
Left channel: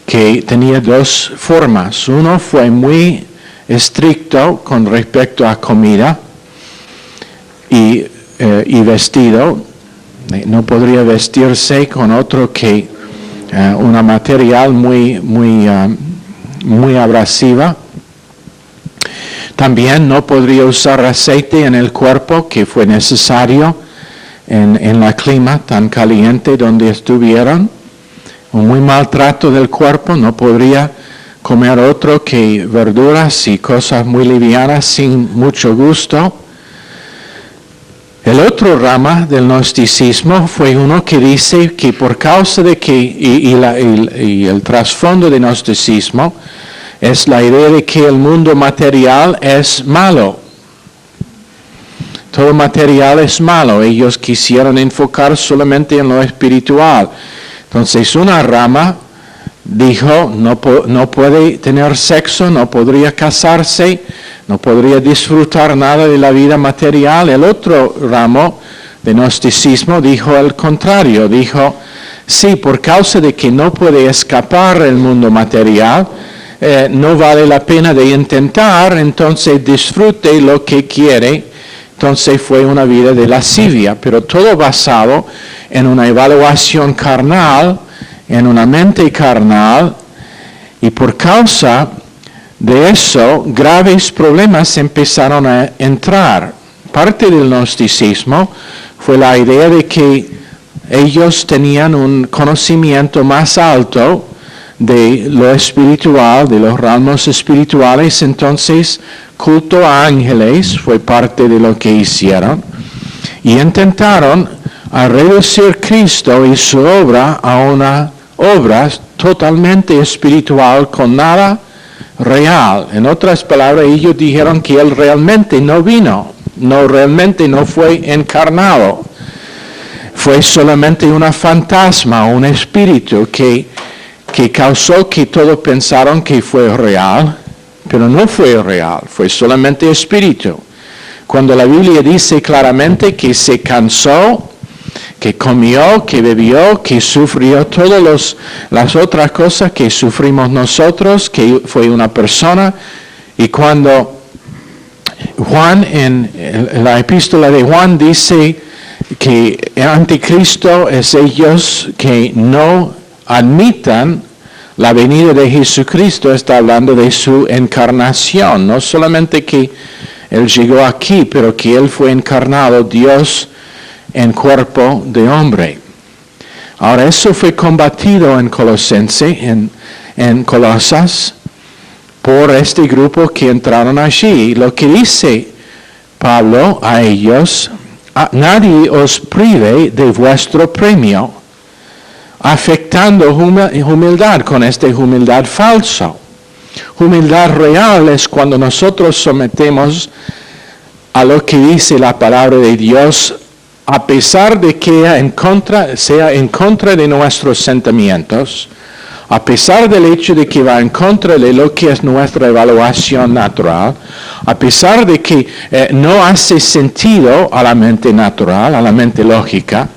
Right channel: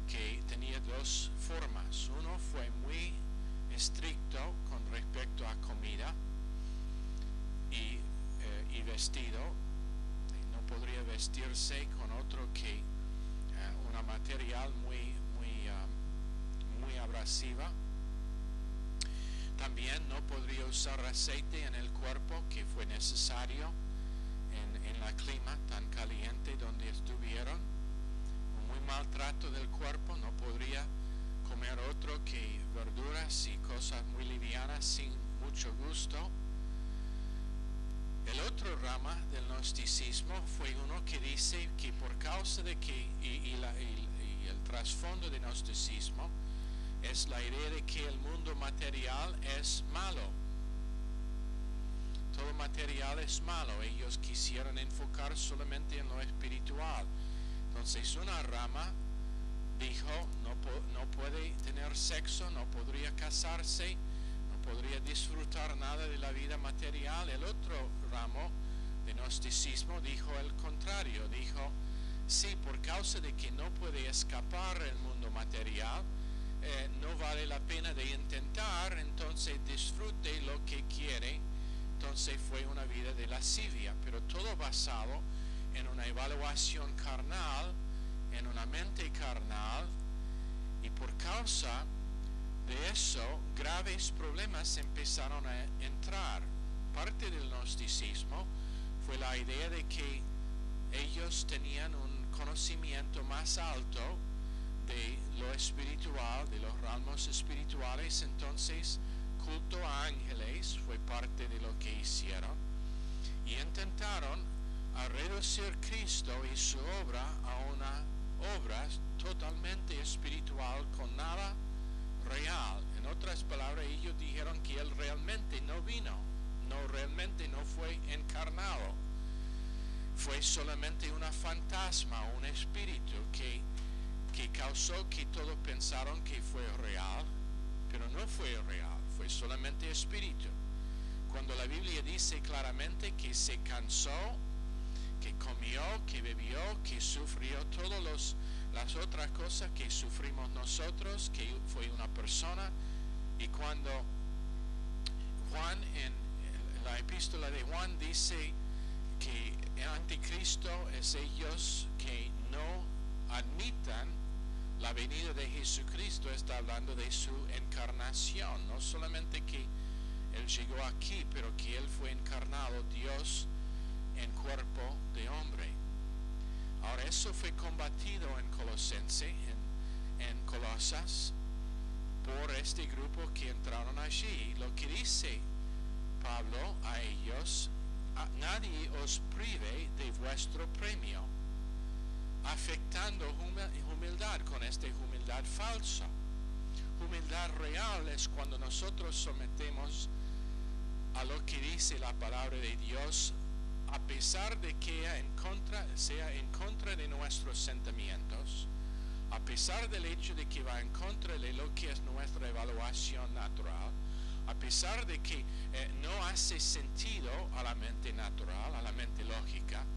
que tenía dos formas. Uno fue muy estricto con respecto a comida y vestido. No podría vestirse con otro que una material muy abrasiva. También no podría usar aceite en el cuerpo, que fue necesario en la clima tan caliente donde estuvieron. Un muy maltrato del cuerpo, no podría comer otro que verduras y cosas muy livianas sin mucho gusto. El otro rama del gnosticismo fue uno que dice que por causa de que, y el trasfondo del gnosticismo, es la idea de que el mundo material es malo. Todo material es malo. Ellos quisieron enfocar solamente en lo espiritual. Entonces una rama dijo, no puede tener sexo, no podría casarse, no podría disfrutar nada de la vida material. El otro ramo de gnosticismo dijo el contrario. Dijo, sí, por causa de que no puede escapar el mundo material, no vale la pena de intentar, entonces disfrute lo que quiere. Entonces fue una vida de lascivia, pero todo basado en una evaluación carnal, en una mente carnal, y por causa de eso graves problemas empezaron a entrar. Parte del gnosticismo fue la idea de que ellos tenían un conocimiento más alto de lo espiritual, de los ramos espirituales. Entonces culto a ángeles fue parte de lo que hicieron, y intentaron a reducir Cristo y su obra a una obra totalmente espiritual con nada real. En otras palabras, ellos dijeron que Él realmente no vino, realmente no fue encarnado, fue solamente una fantasma, un espíritu que causó que todos pensaron que fue real, pero no fue real, fue solamente espíritu. Cuando la Biblia dice claramente que se cansó, que comió, que bebió, que sufrió todas las otras cosas que sufrimos nosotros, que fue una persona. Y cuando Juan, en la epístola de Juan, dice que el anticristo es ellos que no admitan la venida de Jesucristo, está hablando de su encarnación, no solamente que Él llegó aquí, pero que Él fue encarnado, Dios en cuerpo de hombre. Ahora, eso fue combatido en Colosense, en Colosas, por este grupo que entraron allí. Lo que dice Pablo a ellos, nadie os prive de vuestro premio, afectando humildad con esta humildad falsa. Humildad real es cuando nosotros sometemos a lo que dice la palabra de Dios, a pesar de que sea en contra de nuestros sentimientos, a pesar del hecho de que va en contra de lo que es nuestra evaluación natural, a pesar de que no hace sentido a la mente natural, a la mente lógica,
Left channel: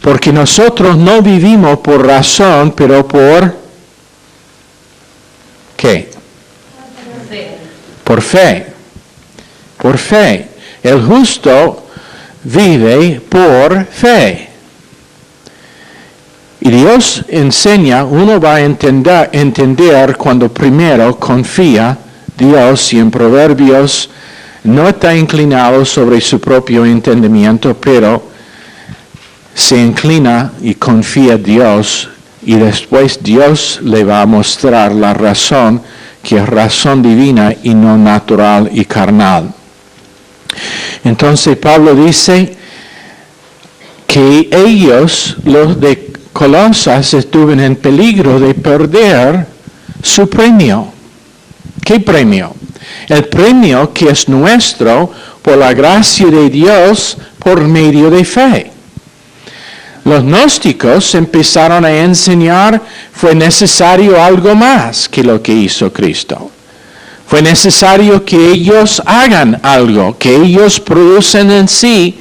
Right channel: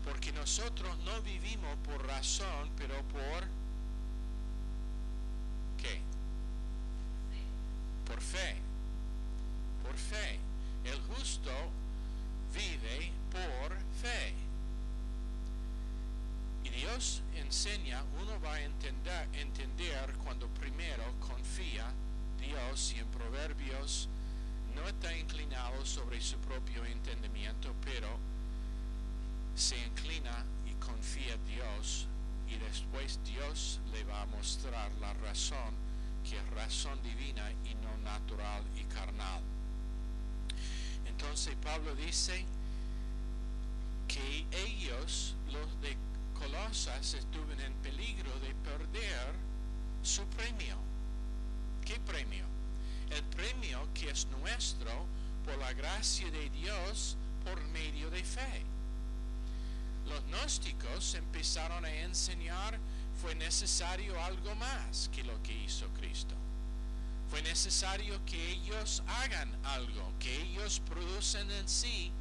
porque nosotros no vivimos por razón, pero por ¿qué? Por fe. Por fe. El justo vive por fe. Y Dios enseña, uno va a entender cuando primero confía Dios, y en Proverbios no está inclinado sobre su propio entendimiento, pero se inclina y confía en Dios, y después Dios le va a mostrar la razón, que es razón divina y no natural y carnal. Entonces Pablo dice, que ellos, los de Colosas, estuvieron en peligro de perder su premio. ¿Qué premio? El premio que es nuestro por la gracia de Dios por medio de fe. Los gnósticos empezaron a enseñar fue necesario algo más que lo que hizo Cristo. Fue necesario que ellos hagan algo, que ellos producen en sí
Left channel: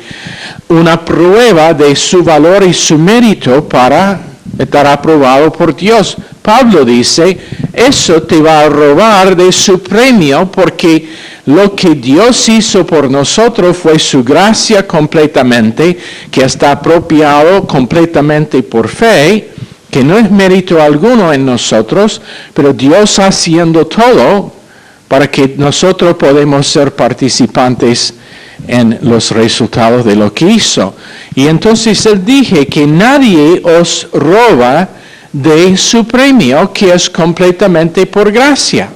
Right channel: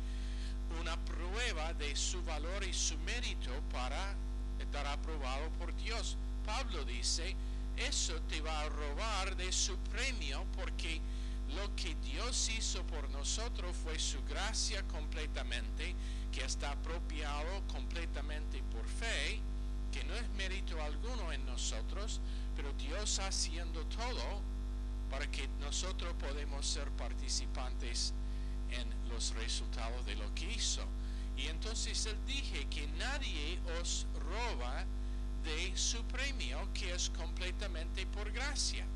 una prueba de su valor y su mérito para estar aprobado por Dios. Pablo dice, eso te va a robar de su premio porque lo que Dios hizo por nosotros fue su gracia completamente, que está apropiado completamente por fe, que no es mérito alguno en nosotros, pero Dios haciendo todo para que nosotros podamos ser participantes en los resultados de lo que hizo. Y entonces él dije que nadie os roba de su premio, que es completamente por gracia.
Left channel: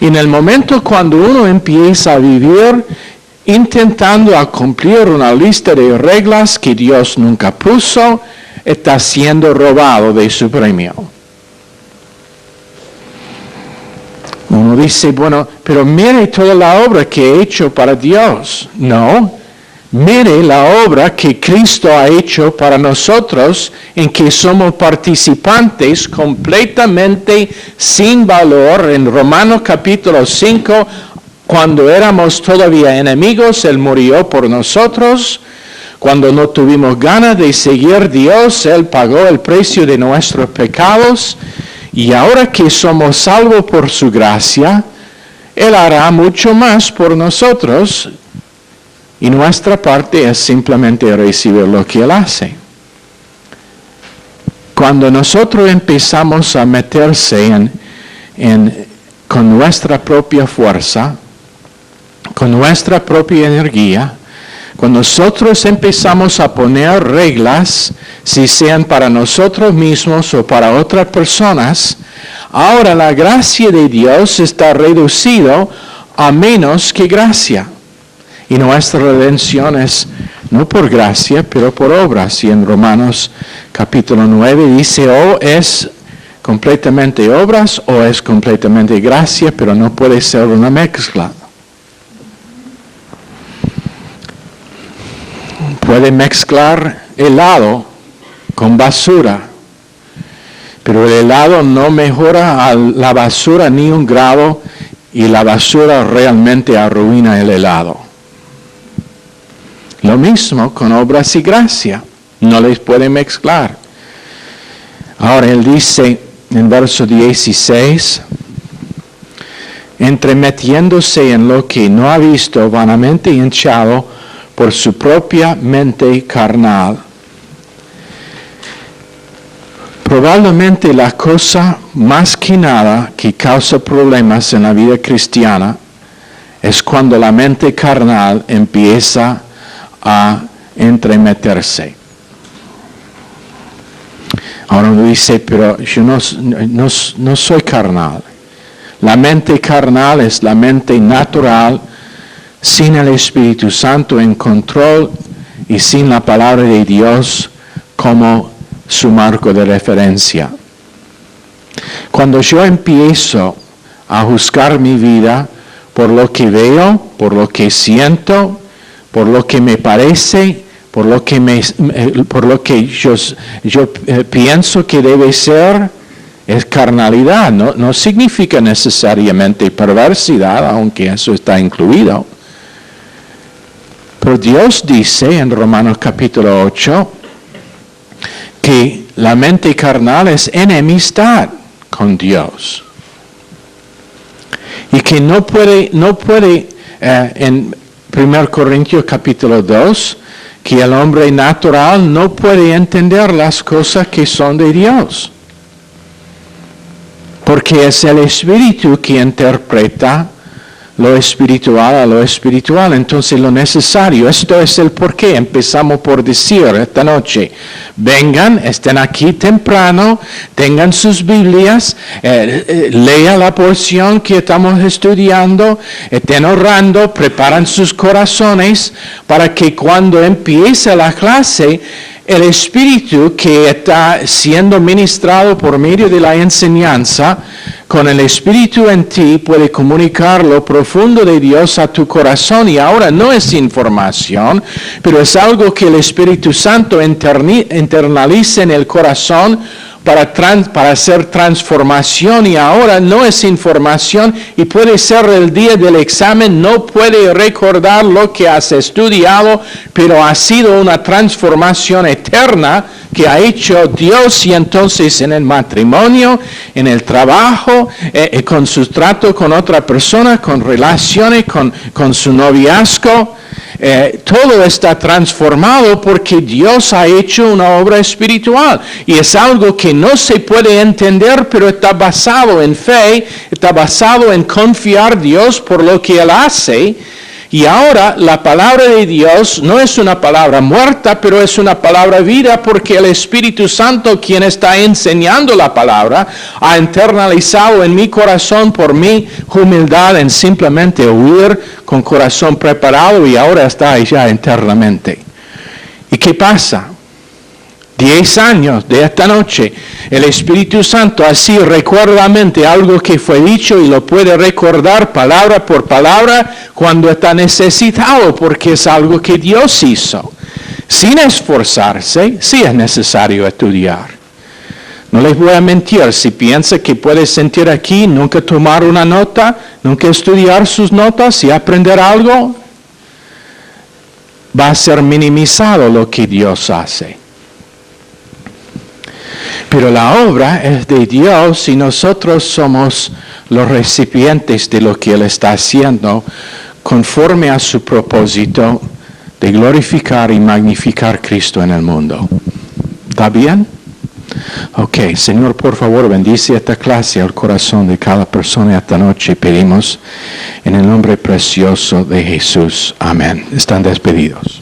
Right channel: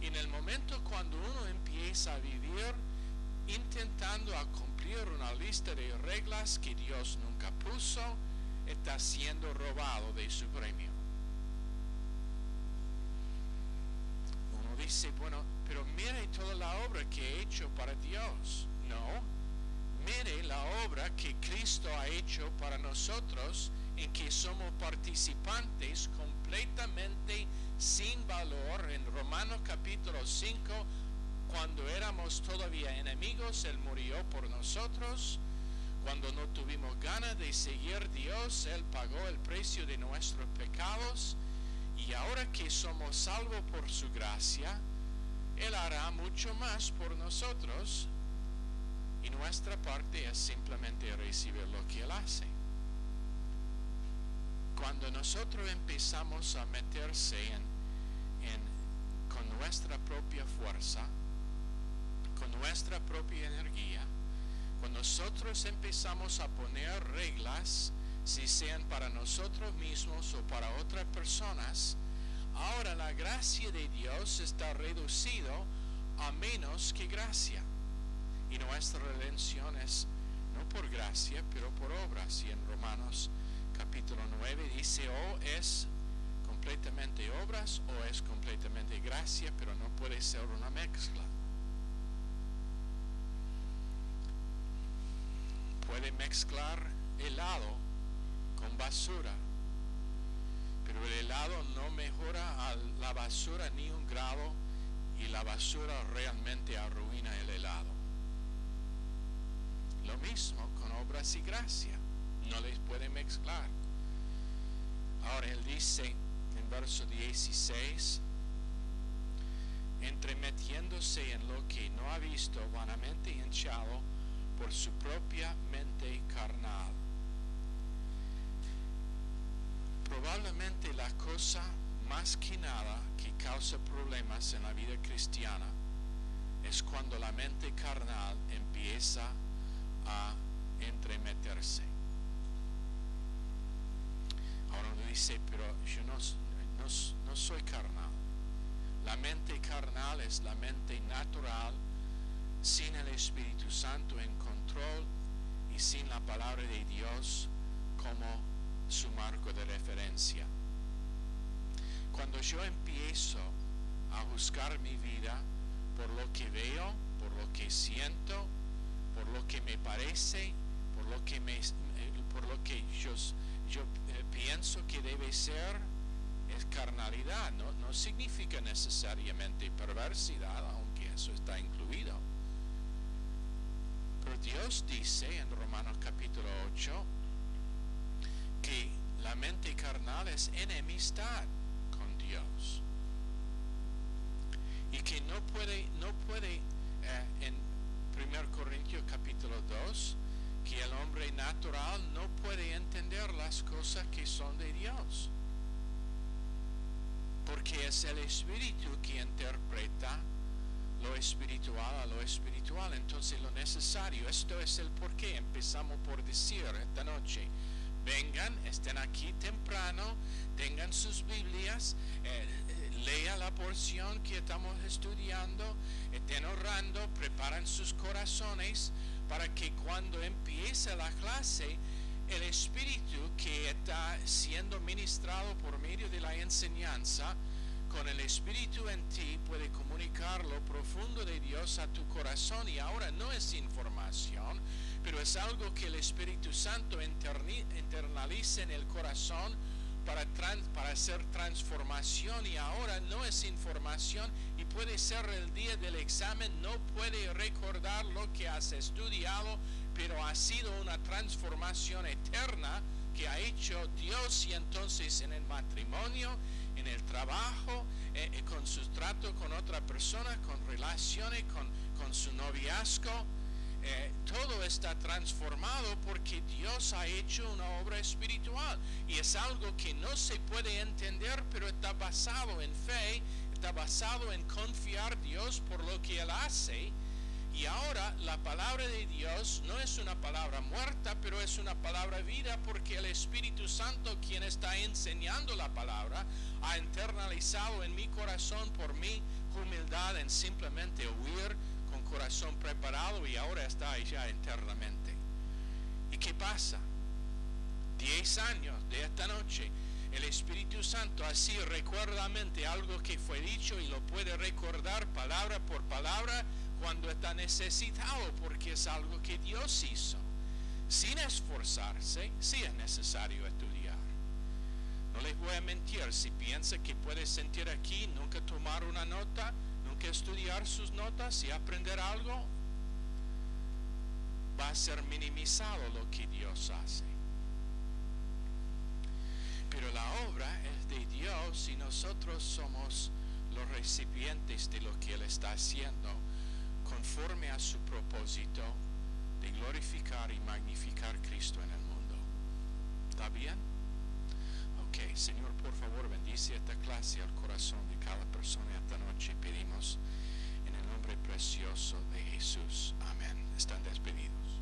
Y en el momento cuando uno empieza a vivir intentando a cumplir una lista de reglas que Dios nunca puso, está siendo robado de su premio. Uno dice, bueno, pero mire toda la obra que he hecho para Dios. No, mire la obra que Cristo ha hecho para nosotros, en que somos participantes completamente sin valor. En Romanos capítulo 5, cuando éramos todavía enemigos, Él murió por nosotros. Cuando no tuvimos ganas de seguir a Dios, Él pagó el precio de nuestros pecados. Y ahora que somos salvos por su gracia, Él hará mucho más por nosotros. Y nuestra parte es simplemente recibir lo que Él hace. Cuando nosotros empezamos a meterse con nuestra propia fuerza, con nuestra propia energía, cuando nosotros empezamos a poner reglas, si sean para nosotros mismos o para otras personas, ahora la gracia de Dios está reducida a menos que gracia. Y nuestra redención es no por gracia, pero por obras. Y en Romanos capítulo 9 dice, o es completamente obras o es completamente gracia, pero no puede ser una mezcla. Puede mezclar helado con basura, pero el helado no mejora a la basura ni un grado y la basura realmente arruina el helado. Lo mismo con obras y gracia, no les puede mezclar. Ahora él dice en verso 16, entremetiéndose en lo que no ha visto, vanamente hinchado por su propia mente carnal. Probablemente la cosa más que nada que causa problemas en la vida cristiana es cuando la mente carnal empieza a entremeterse. Ahora uno dice, pero yo no soy carnal. La mente carnal es la mente natural, sin el Espíritu Santo en control y sin la palabra de Dios como su marco de referencia. Cuando yo empiezo a juzgar mi vida por lo que veo, por lo que siento, por lo que me parece, por lo que yo pienso que debe ser, es carnalidad. No significa necesariamente perversidad, aunque eso está incluido. Pero Dios dice en Romanos capítulo 8 que la mente carnal es enemistad con Dios. Y que no puede en 1 Corintios capítulo 2, que el hombre natural no puede entender las cosas que son de Dios. Porque es el Espíritu que interpreta lo espiritual a lo espiritual, entonces lo necesario. Esto es el porqué. Empezamos por decir esta noche, vengan, estén aquí temprano, tengan sus Biblias, lean la porción que estamos estudiando, estén orando, preparan sus corazones para que cuando empiece la clase, el Espíritu que está siendo ministrado por medio de la enseñanza, con el Espíritu en ti puede comunicar lo profundo de Dios a tu corazón. Y ahora no es información, pero es algo que el Espíritu Santo internaliza en el corazón para hacer transformación. Y ahora no es información y puede ser el día del examen, no puede recordar lo que has estudiado, pero ha sido una transformación eterna que ha hecho Dios. Y entonces en el matrimonio, en el trabajo, con su trato con otra persona, con relaciones, con su noviazgo, todo está transformado porque Dios ha hecho una obra espiritual. Y es algo que no se puede entender, pero está basado en fe, está basado en confiar en Dios por lo que Él hace. Y ahora la palabra de Dios no es una palabra muerta, pero es una palabra viva, porque el Espíritu Santo, quien está enseñando la palabra, ha internalizado en mi corazón por mi humildad en simplemente oír con corazón preparado, y ahora está allá internamente. ¿Y qué pasa? 10 años de esta noche, el Espíritu Santo así recuerda a mente algo que fue dicho y lo puede recordar palabra por palabra cuando está necesitado, porque es algo que Dios hizo. Sin esforzarse, sí es necesario estudiar. No les voy a mentir, si piensa que puede sentir aquí, nunca tomar una nota, nunca estudiar sus notas y aprender algo, va a ser minimizado lo que Dios hace. Pero la obra es de Dios y nosotros somos los recipientes de lo que Él está haciendo conforme a su propósito de glorificar y magnificar a Cristo en el mundo. ¿Está bien? Ok, Señor, por favor, bendice esta clase al corazón de cada persona esta noche. Pedimos en el nombre precioso de Jesús. Amén. Están despedidos.